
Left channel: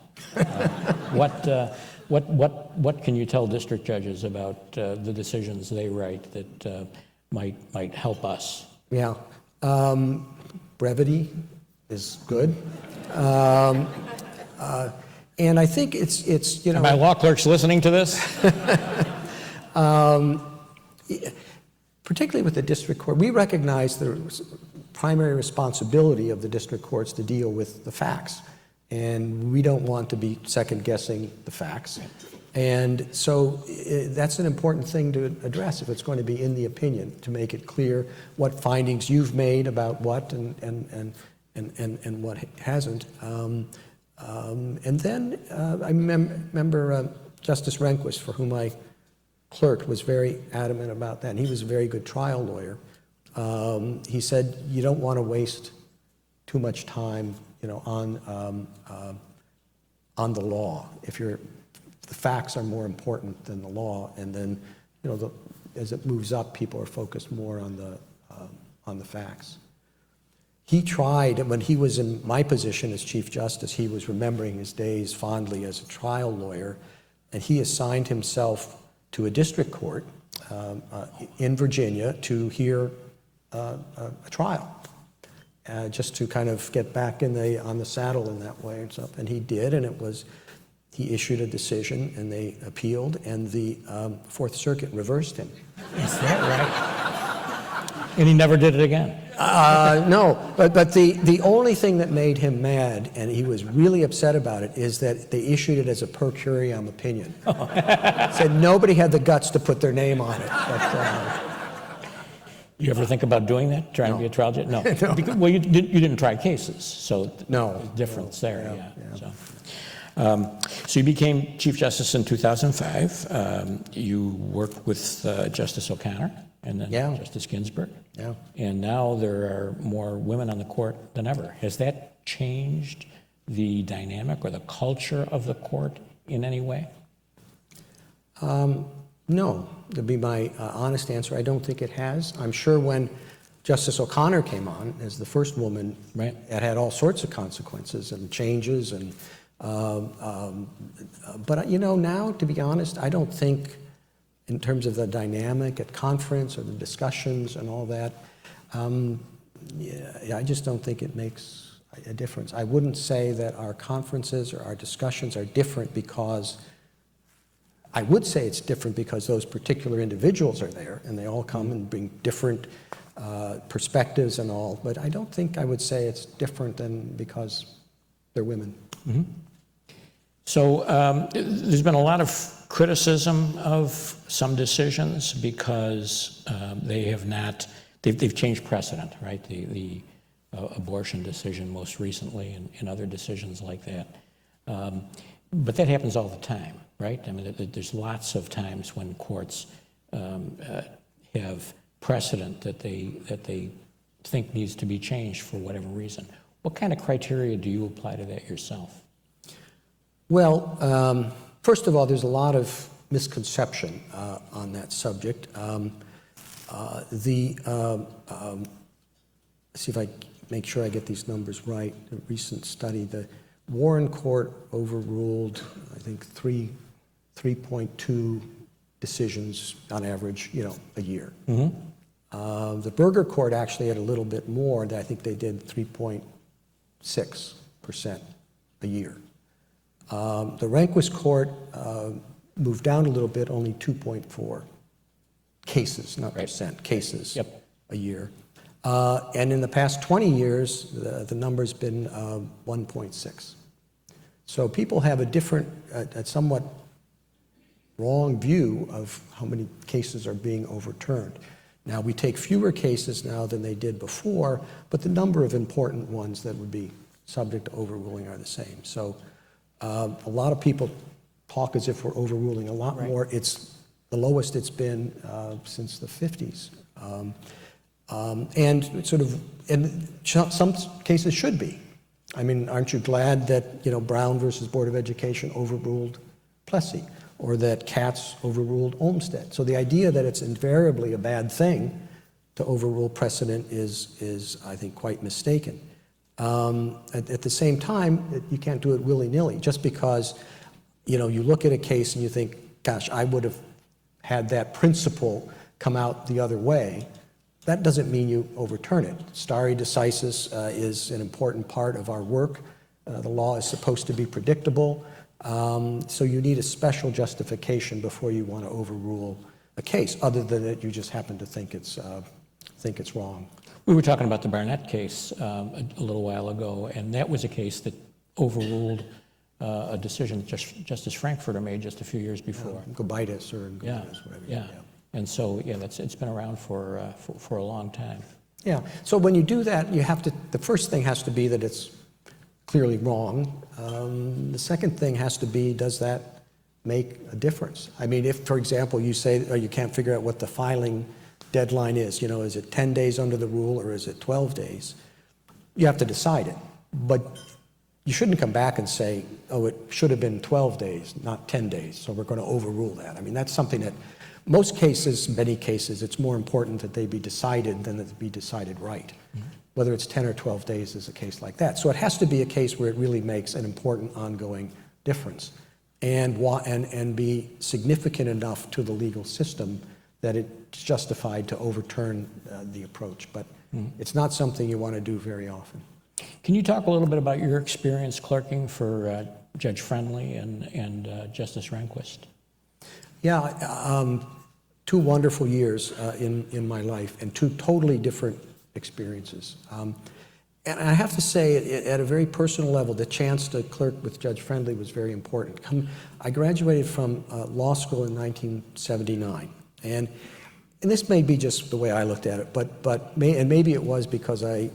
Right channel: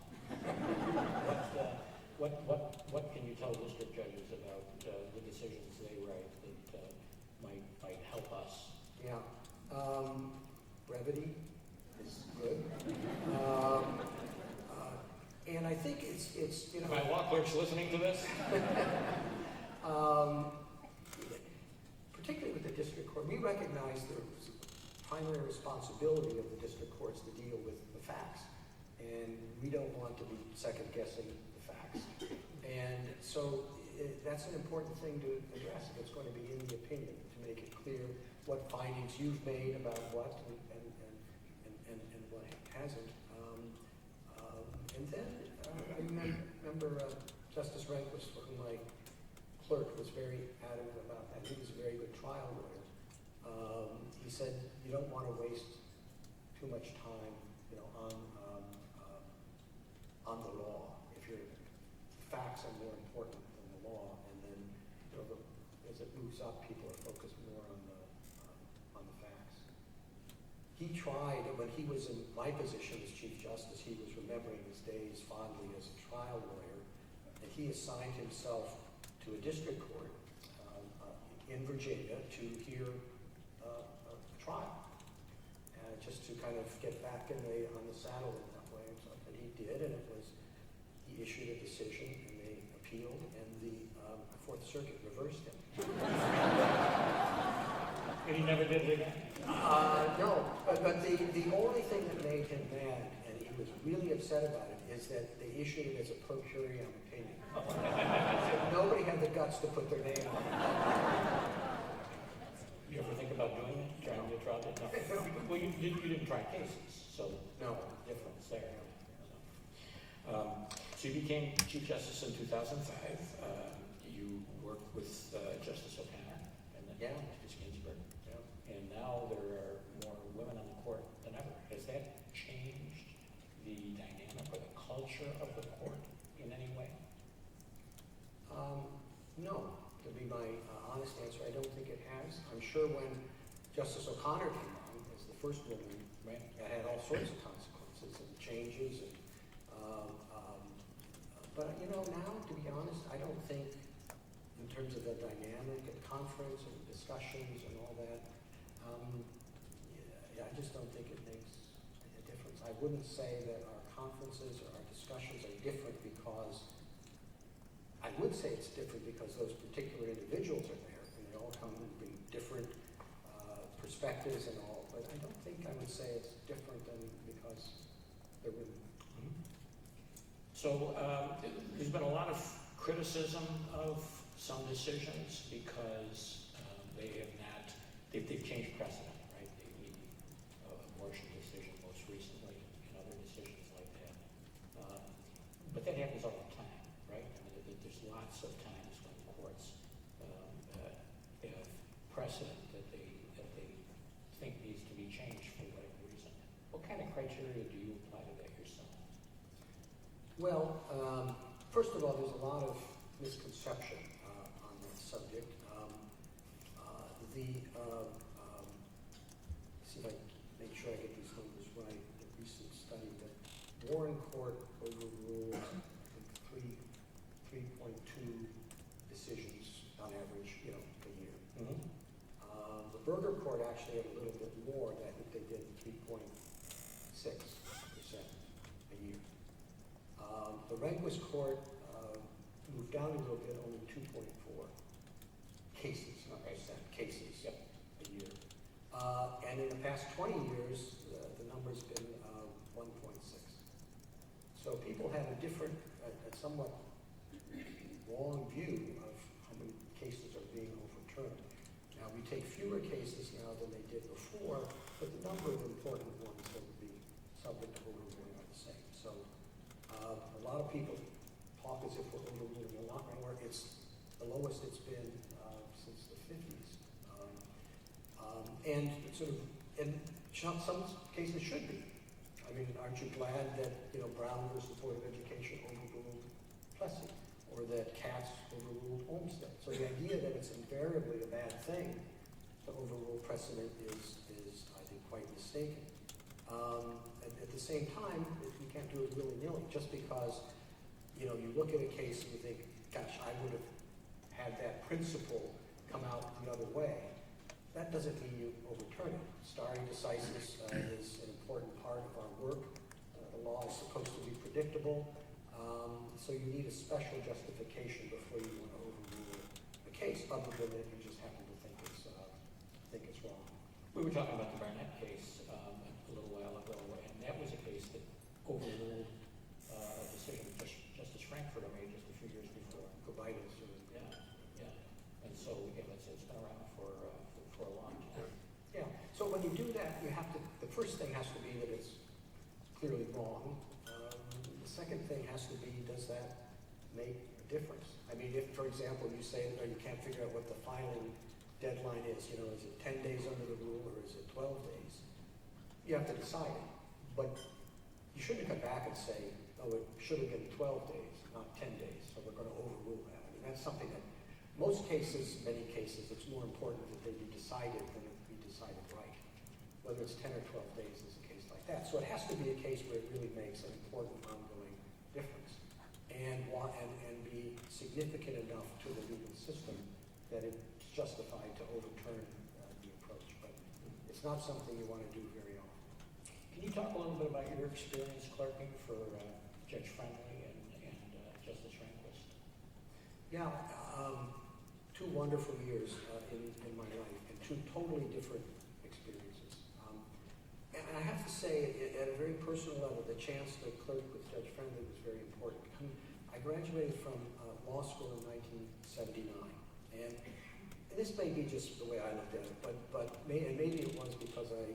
What can you tell district judges about the decisions they write that might help us? Yeah. Brevity is good. And I think it's Are my law clerks listening to this? Particularly with the district court, we recognize the primary responsibility of the district courts to deal with the facts. And we don't want to be second-guessing the facts. And so that's an important thing to address if it's going to be in the opinion, to make it clear what findings you've made about what and what hasn't. And then I remember Justice Rehnquist, for whom I clerked, was very adamant about that. And he was a very good trial lawyer. He said, you don't want to waste too much time, on the law. The facts are more important than the law, and then, as it moves up, people are focused more on the facts. He tried, when he was in my position as Chief Justice, he was remembering his days fondly as a trial lawyer, and he assigned himself to a district court in Virginia to hear a trial, just to kind of get back on the saddle in that way and stuff. And he did, and he issued a decision, and they appealed, and the Fourth Circuit reversed him. Is that right? And he never did it again? No, but the only thing that made him mad, and he was really upset about it, is that they issued it as a per curiam opinion. Said nobody had the guts to put their name on it. But, you ever think about doing that, trying to be a trial judge? No. No. Because, well, you didn't try cases, so No. there's a difference there. Yeah. So you became Chief Justice in 2005. You worked with Justice O'Connor and then Yeah. Justice Ginsburg. Yeah. And now there are more women on the court than ever. Has that changed the dynamic or the culture of the court in any way? No, to be my honest answer, I don't think it has. I'm sure when Justice O'Connor came on as the first woman, Right. it had all sorts of consequences and changes. And but now, to be honest, I don't think in terms of the dynamic at conference or the discussions and all that, yeah, I just don't think it makes a difference. I wouldn't say that our conferences or our discussions are different because, I would say it's different because those particular individuals are there and they all come and bring different perspectives and all, but I don't think I would say it's different than because they're women. Mm-hmm. So there's been a lot of criticism of some decisions because they have not, they've changed precedent, right? The abortion decision most recently and other decisions like that. But that happens all the time, right? I mean, there's lots of times when courts have precedent that they think needs to be changed for whatever reason. What kind of criteria do you apply to that yourself? Well, first of all, there's a lot of misconception on that subject. See if I make sure I get these numbers right. A recent study, the Warren Court overruled, I think, 3.2 decisions on average, a year. Mm-hmm. The Berger Court actually had a little bit more. I think they did 3.6% a year. The Rehnquist Court moved down a little bit, only 2.4 cases, not percent, cases a year. And in the past 20 years, the number's been 1.6. So people have a different, a somewhat wrong view of how many cases are being overturned. Now, we take fewer cases now than they did before, but the number of important ones that would be subject to overruling are the same. So a lot of people talk as if we're overruling a lot more. It's the lowest it's been since the 50s. And some cases should be. I mean, aren't you glad that, Brown versus Board of Education overruled Plessy, or that Katz overruled Olmsted? So the idea that it's invariably a bad thing to overrule precedent is I think, quite mistaken. At the same time, you can't do it willy-nilly. Just because, you look at a case and you think, gosh, I would have had that principle come out the other way, that doesn't mean you overturn it. Stare decisis is an important part of our work. The law is supposed to be predictable, so you need a special justification before you want to overrule a case, other than that you just happen to think it's wrong. We were talking about the Barnett case a little while ago, and that was a case that overruled a decision Justice Frankfurter made just a few years before. Gobitis or Gobitis, whatever. Yeah. And so, it's been around for a long time. Yeah. So when you do that, the first thing has to be that it's clearly wrong. The second thing has to be, does that make a difference? I mean, if, for example, you say, you can't figure out what the filing deadline is, is it 10 days under the rule or is it 12 days? You have to decide it. But you shouldn't come back and say, it should have been 12 days, not 10 days, so we're going to overrule that. I mean, that's something that most cases, many cases, it's more important that they be decided than that they be decided right. Mm-hmm. Whether it's 10 or 12 days is a case like that. So it has to be a case where it really makes an important ongoing difference and be significant enough to the legal system that it's justified to overturn the approach. But it's not something you want to do very often. Can you talk a little bit about your experience clerking for Judge Friendly and Justice Rehnquist? Yeah, 2 wonderful years in my life and 2 totally different experiences. And I have to say, at a very personal level, the chance to clerk with Judge Friendly was very important. I graduated from law school in 1979, and this may be just the way I looked at it, but maybe it was because I,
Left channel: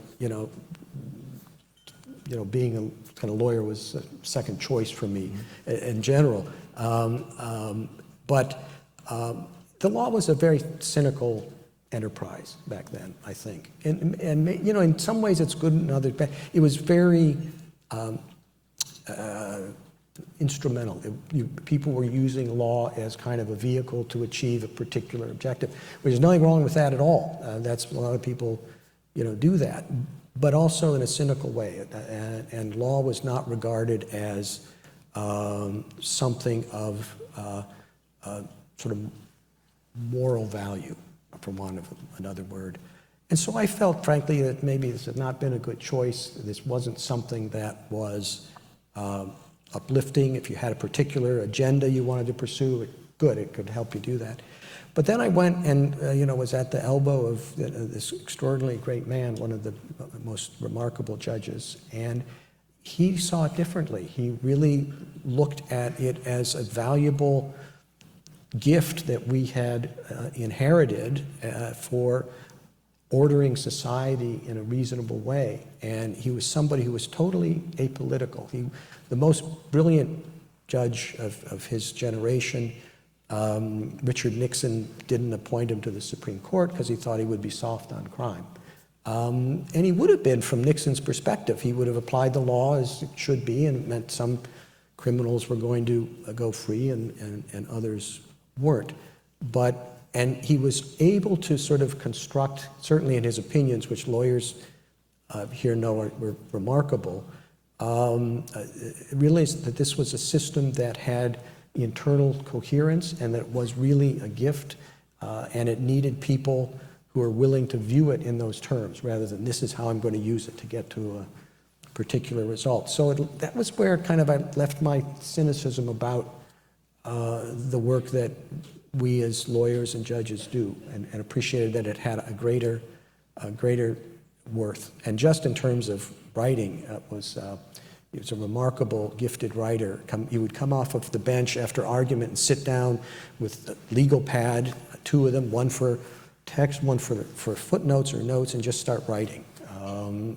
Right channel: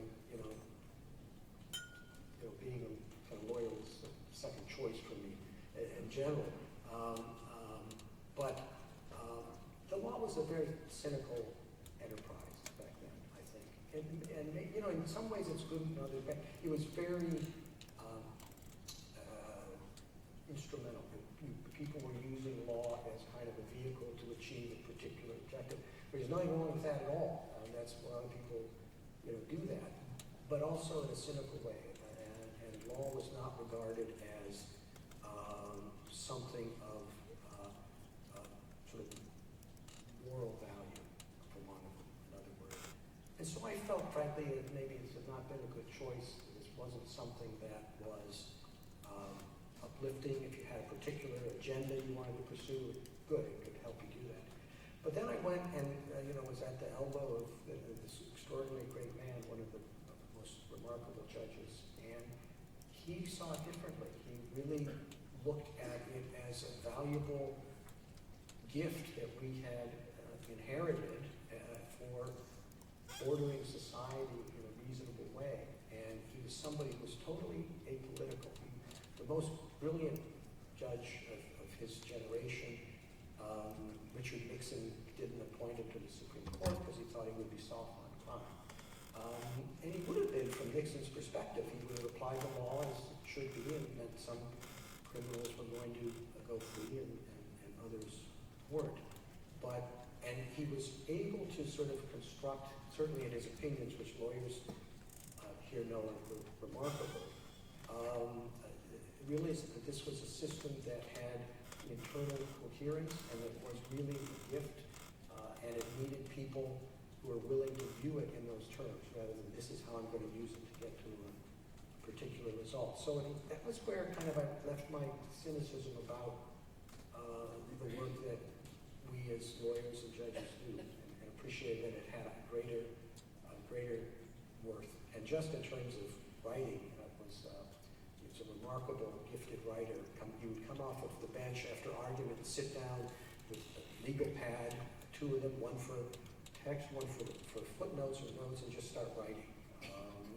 being a kind of lawyer was a second choice for me in general. But the law was a very cynical enterprise back then, I think. And in some ways it's good and others bad. It was very instrumental. People were using law as kind of a vehicle to achieve a particular objective. There's nothing wrong with that at all. That's a lot of people, do that, but also in a cynical way. And law was not regarded as something of sort of moral value, for want of another word. And so I felt, frankly, that maybe this had not been a good choice. This wasn't something that was uplifting. If you had a particular agenda you wanted to pursue, good, it could help you do that. But then I went and, was at the elbow of this extraordinarily great man, one of the most remarkable judges, and he saw it differently. He really looked at it as a valuable gift that we had inherited for ordering society in a reasonable way. And he was somebody who was totally apolitical. The most brilliant judge of his generation, Richard Nixon didn't appoint him to the Supreme Court because he thought he would be soft on crime. And he would have been, from Nixon's perspective, he would have applied the law as it should be, and it meant some criminals were going to go free and others weren't. And he was able to sort of construct, certainly in his opinions, which lawyers here know were remarkable, realized that this was a system that had internal coherence and that was really a gift, and it needed people who are willing to view it in those terms rather than this is how I'm going to use it to get to a particular result. So that was where kind of I left my cynicism about the work that we as lawyers and judges do, and appreciated that it had a greater worth. And just in terms of writing, he was a remarkable, gifted writer. He would come off of the bench after argument and sit down with a legal pad, two of them, one for text, one for footnotes or notes, and just start writing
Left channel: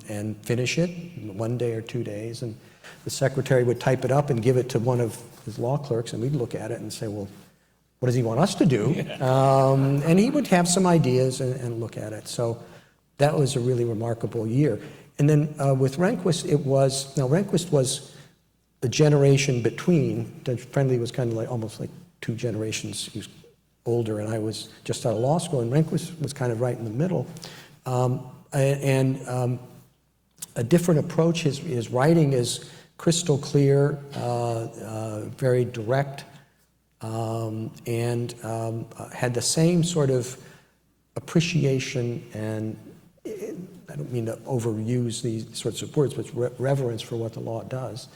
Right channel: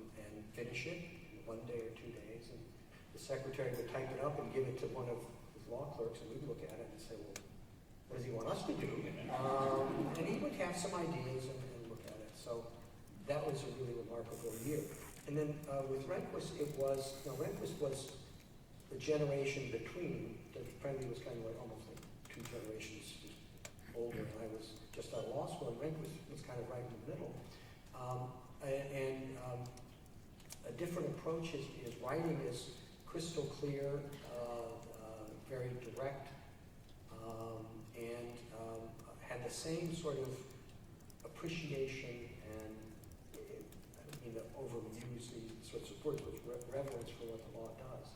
and finish it in 1 day or 2 days. And the secretary would type it up and give it to one of his law clerks, and we'd look at it and say, well, what does he want us to do? And he would have some ideas and look at it. So that was a really remarkable year. And then with Rehnquist, Rehnquist was a generation between. Judge Friendly was kind of like almost like 2 generations. He was older, and I was just out of law school, and Rehnquist was kind of right in the middle. A different approach. His writing is crystal clear, very direct, and had the same sort of appreciation and, I don't mean to overuse these sorts of words, but reverence for what the law does,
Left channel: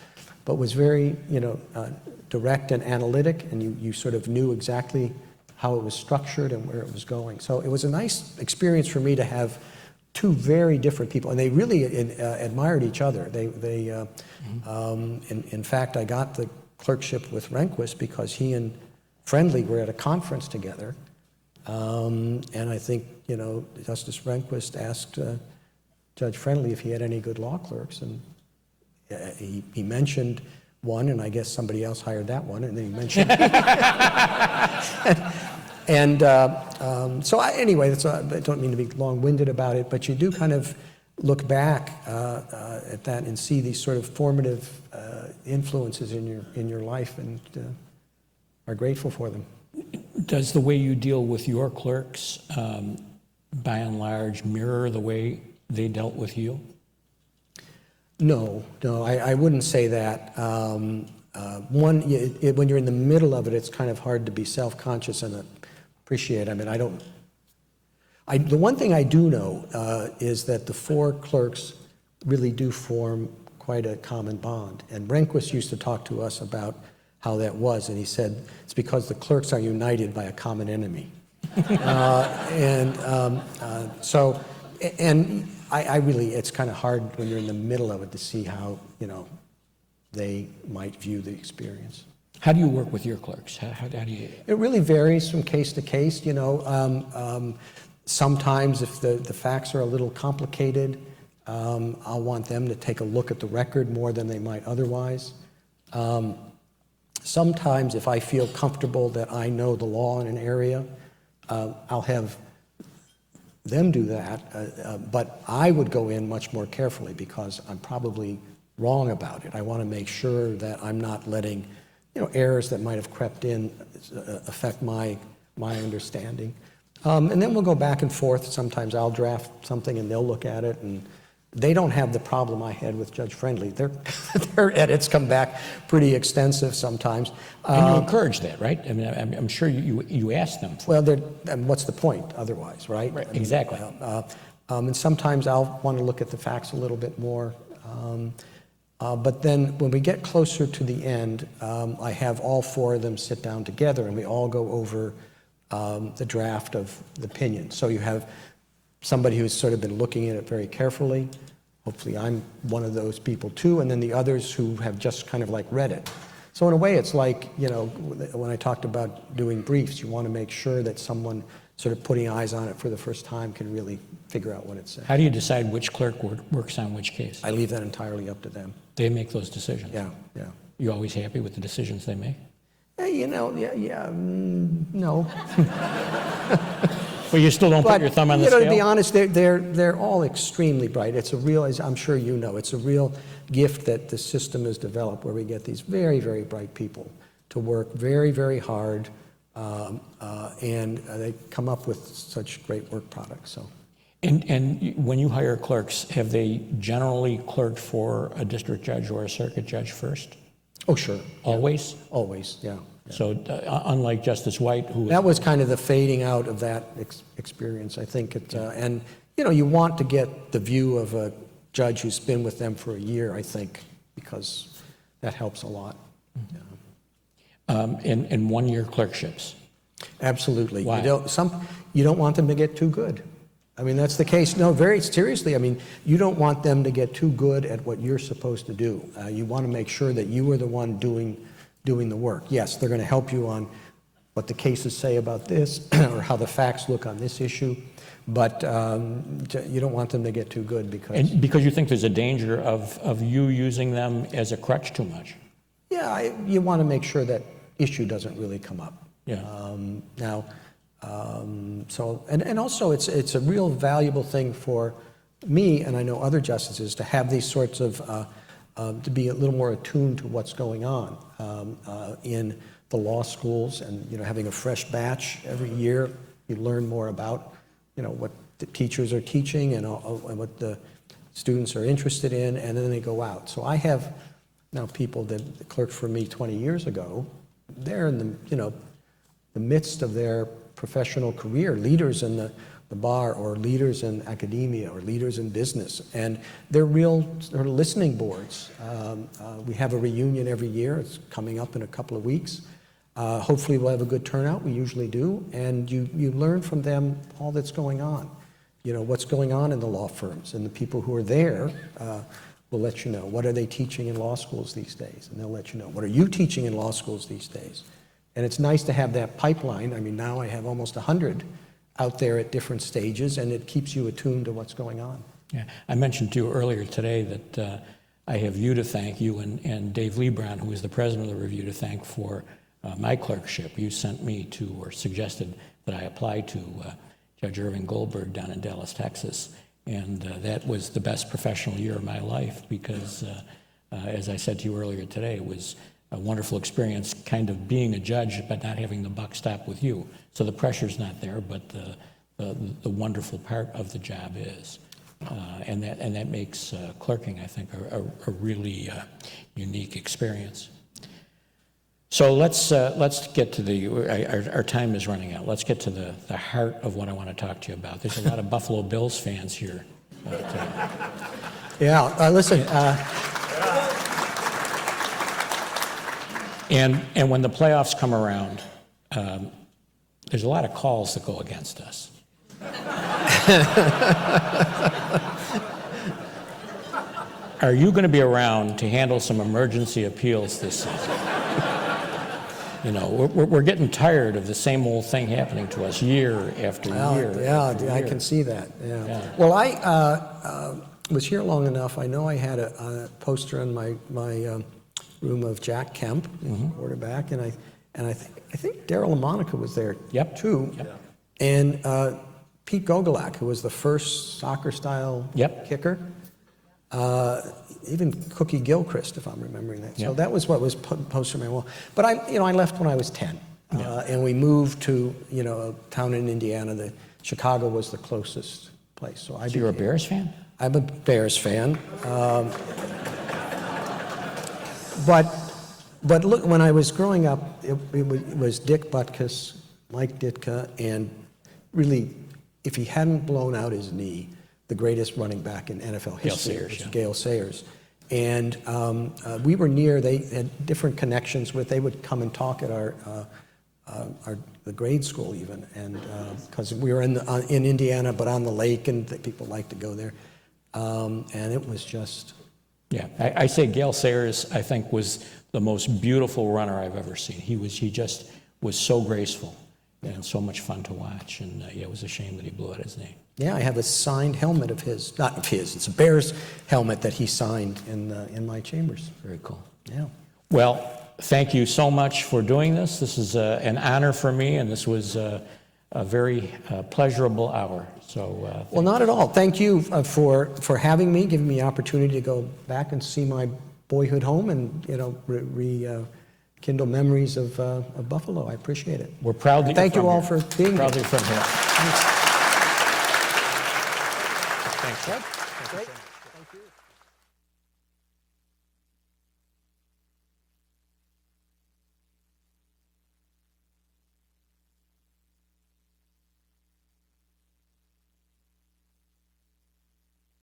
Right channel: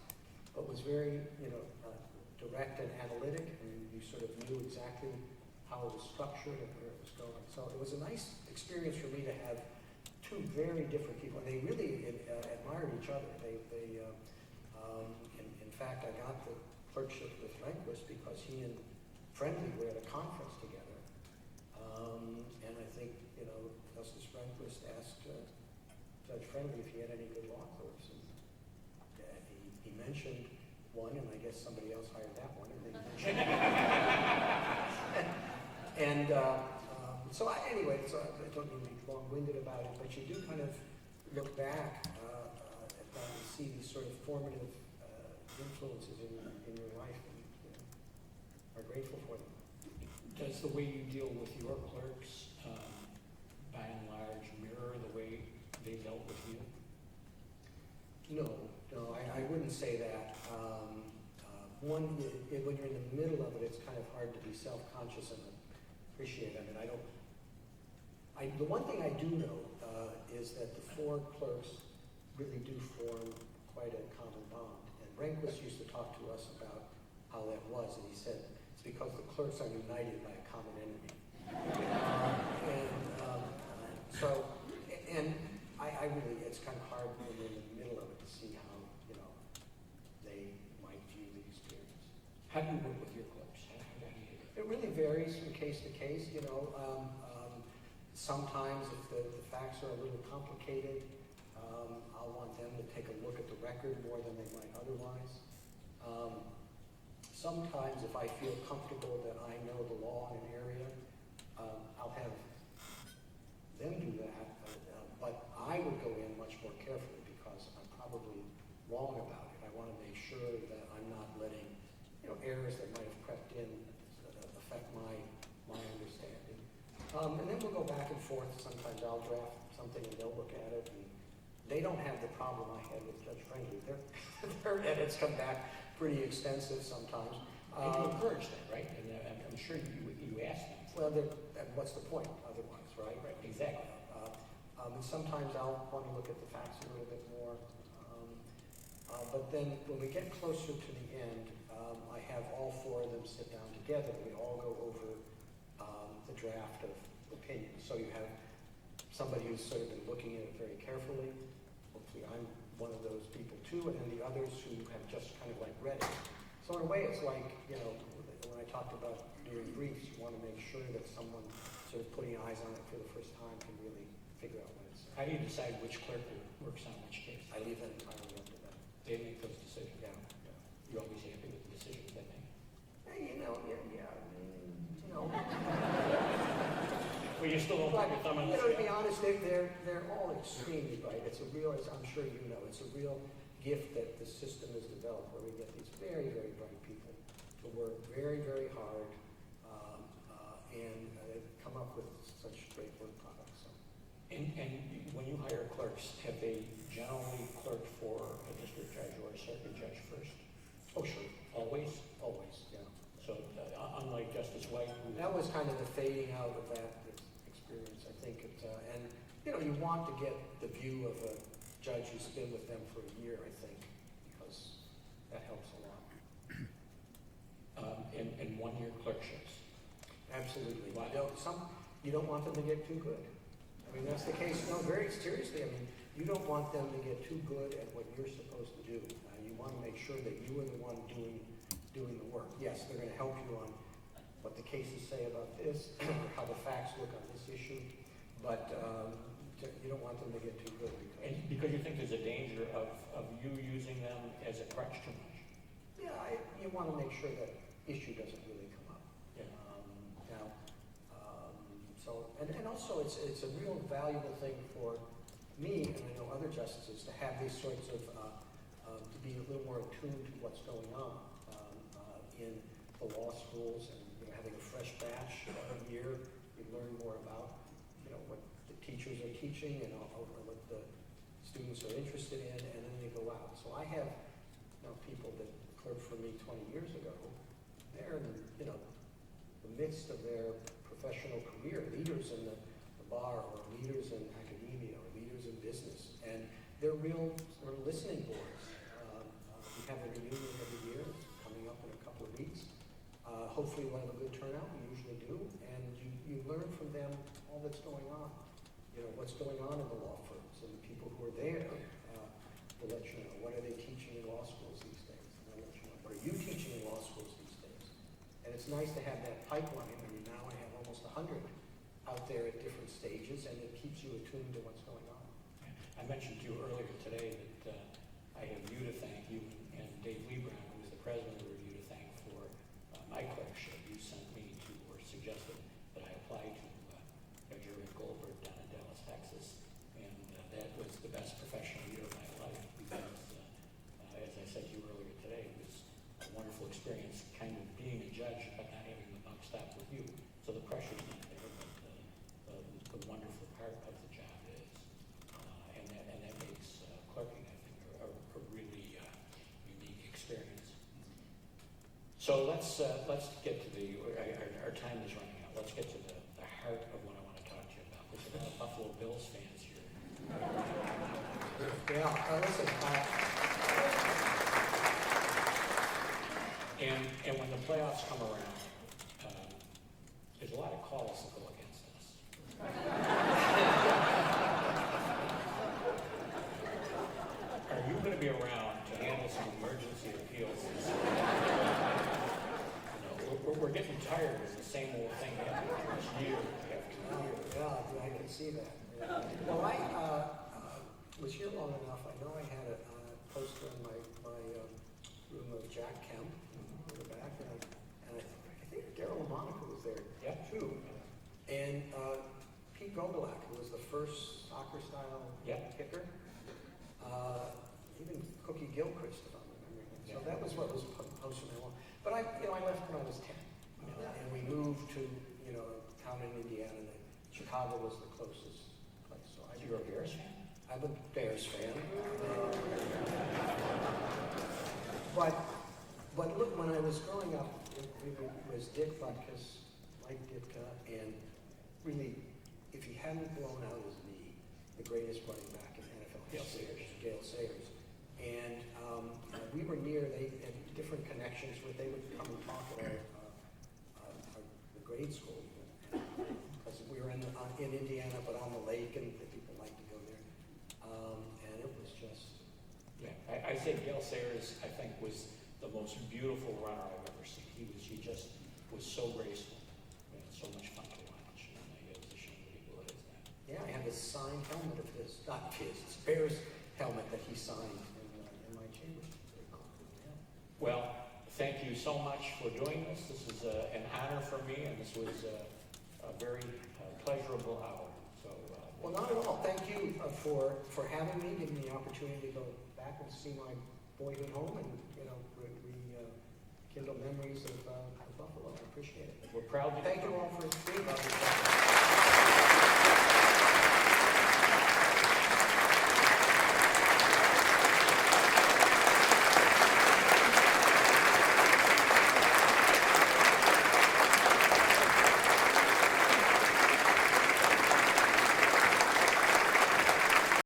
but was very, direct and analytic, and you sort of knew exactly how it was structured and where it was going. So it was a nice experience for me to have 2 very different people, and they really admired each other. In fact, I got the clerkship with Rehnquist because he and Friendly were at a conference together, and I think, Justice Rehnquist asked Judge Friendly if he had any good law clerks, and he mentioned one, and I guess somebody else hired that one, and then he mentioned anyway, I don't mean to be long-winded about it, but you do kind of look back at that and see these sort of formative influences in your life, and are grateful for them. Does the way you deal with your clerks, by and large, mirror the way they dealt with you? No, I wouldn't say that. When you're in the middle of it, it's kind of hard to be self-conscious and appreciate. I mean, the one thing I do know is that the 4 clerks really do form quite a common bond. And Rehnquist used to talk to us about how that was, and he said, it's because the clerks are united by a common enemy. I really, it's kind of hard when you're in the middle of it to see how, they might view the experience. How do you work with your clerks? How do you? It really varies from case to case, Sometimes if the facts are a little complicated, I'll want them to take a look at the record more than they might otherwise. Sometimes if I feel comfortable that I know the law in an area, I'll have them do that, but I would go in much more carefully because I'm probably wrong about it. I want to make sure that I'm not letting, errors that might have crept in affect my understanding. And then we'll go back and forth. Sometimes I'll draft something and they'll look at it, and They don't have the problem I had with Judge Friendly. Their edits come back pretty extensive sometimes. And you encourage that, right? I mean, I'm sure you ask them for Well, and what's the point otherwise, right? Right, I mean, exactly. And sometimes I'll want to look at the facts a little bit more. But then when we get closer to the end, I have all four of them sit down together and we all go over the draft of the opinion. So you have somebody who's sort of been looking at it very carefully. Hopefully I'm one of those people too, and then the others who have just kind of like read it. So in a way it's like, you know, when I talked about doing briefs, you want to make sure that someone sort of putting eyes on it for the first time can really figure out what it says. How do you decide which clerk works on which case? I leave that entirely up to them. They make those decisions. Yeah, yeah. You always happy with the decisions they make? You know, no. Well, you still don't put your thumb on the you know, scale? to be honest, they're all extremely bright. It's a real, as I'm sure you know, it's a real gift that the system has developed where we get these very, very bright people to work very, very hard, and they come up with such great work products. So. And when you hire clerks, have they generally clerked for a district judge or a circuit judge first? Oh, sure. Always? Always, yeah. So unlike Justice White, who... That was kind of the fading out of that experience, I think. And, you know, you want to get the view of a judge who's been with them for a year, I think, because that helps a lot. And one-year clerkships. Absolutely. Why? You don't want them to get too good. I mean, that's the case. No, very seriously. I mean, you don't want them to get too good at what you're supposed to do. You want to make sure that you are the one doing the work. Yes, they're going to help you on what the cases say about this or how the facts look on this issue, but you don't want them to get too good because... And because you think there's a danger of you using them as a crutch too much. Yeah, you want to make sure that issue doesn't really come up. Yeah. And also it's a real valuable thing for me, and I know other justices, to have these sorts of, to be a little more attuned to what's going on in the law schools, and, you know, having a fresh batch every year, you learn more about, you know, what the teachers are teaching and what the students are interested in, and then they go out. So I have now people that clerked for me 20 years ago. They're in the, you know, the midst of their professional career, leaders in the bar or leaders in academia or leaders in business, and they're real sort of listening boards. We have a reunion every year. It's coming up in a couple of weeks. Hopefully we'll have a good turnout. We usually do, and you learn from them all that's going on. You know, what's going on in the law firms, and the people who are there will let you know. What are they teaching in law schools these days? And they'll let you know. What are you teaching in law schools these days? And it's nice to have that pipeline. I mean, now I have almost 100 out there at different stages, and it keeps you attuned to what's going on. Yeah, I mentioned to you earlier today that I have you to thank, you and Dave Lebron, who is the president of the review, to thank for my clerkship. You sent me to, or suggested that I apply to Judge Irving Goldberg down in Dallas, Texas, and that was the best professional year of my life because, as I said to you earlier today, it was a wonderful experience kind of being a judge but not having the buck stop with you. So the pressure's not there, but the wonderful part of the job is. And that makes clerking, I think, a really unique experience. So let's get to our time is running out. Let's get to the heart of what I want to talk to you about. There's a lot of Buffalo Bills fans here today. Yeah, listen. And when the playoffs come around, there's a lot of calls that go against us. Are you going to be around to handle some emergency appeals this season? You know, we're getting tired of the same old thing happening to us year after year. Yeah, I can see that. Yeah. Well, I was here long enough. I know I had a poster in my room of Jack Kemp, quarterback, and I think Darryl LaMonica was there too. Yep. And Pete Gogolak, who was the first soccer-style kicker. Even Cookie Gilchrist, if I'm remembering that. So that was what was posted on my wall. But I left when I was 10, and we moved to a town in Indiana. Chicago was the closest place. So you're a Bears fan? I'm a Bears fan. But look, when I was growing up, it was Dick Butkus, Mike Ditka, and really, if he hadn't blown out his knee, the greatest running back in NFL history, Sayers, was yeah. Gale Sayers. And we were near, they had different connections with, they would come and talk at the grade school even, and because we were in Indiana, but on the lake, and people liked to go there. And it was just... Yeah, I say Gale Sayers, I think, was the most beautiful runner I've ever seen. He just was so graceful and so much fun to watch. And yeah, it was a shame that he blew out his knee. Yeah, I have a signed helmet of his, not of his, it's a Bears helmet that he signed in my chambers. Very cool. Yeah. Well, thank you so much for doing this. This is an honor for me, and this was a very pleasurable hour. So, Well, not at all. Thank you for having me, giving me the opportunity to go back and see my boyhood home and, rekindle memories of Buffalo. I appreciate it. we're proud that Thank you're you from all here. for being here. Proud that you're from here. Thanks.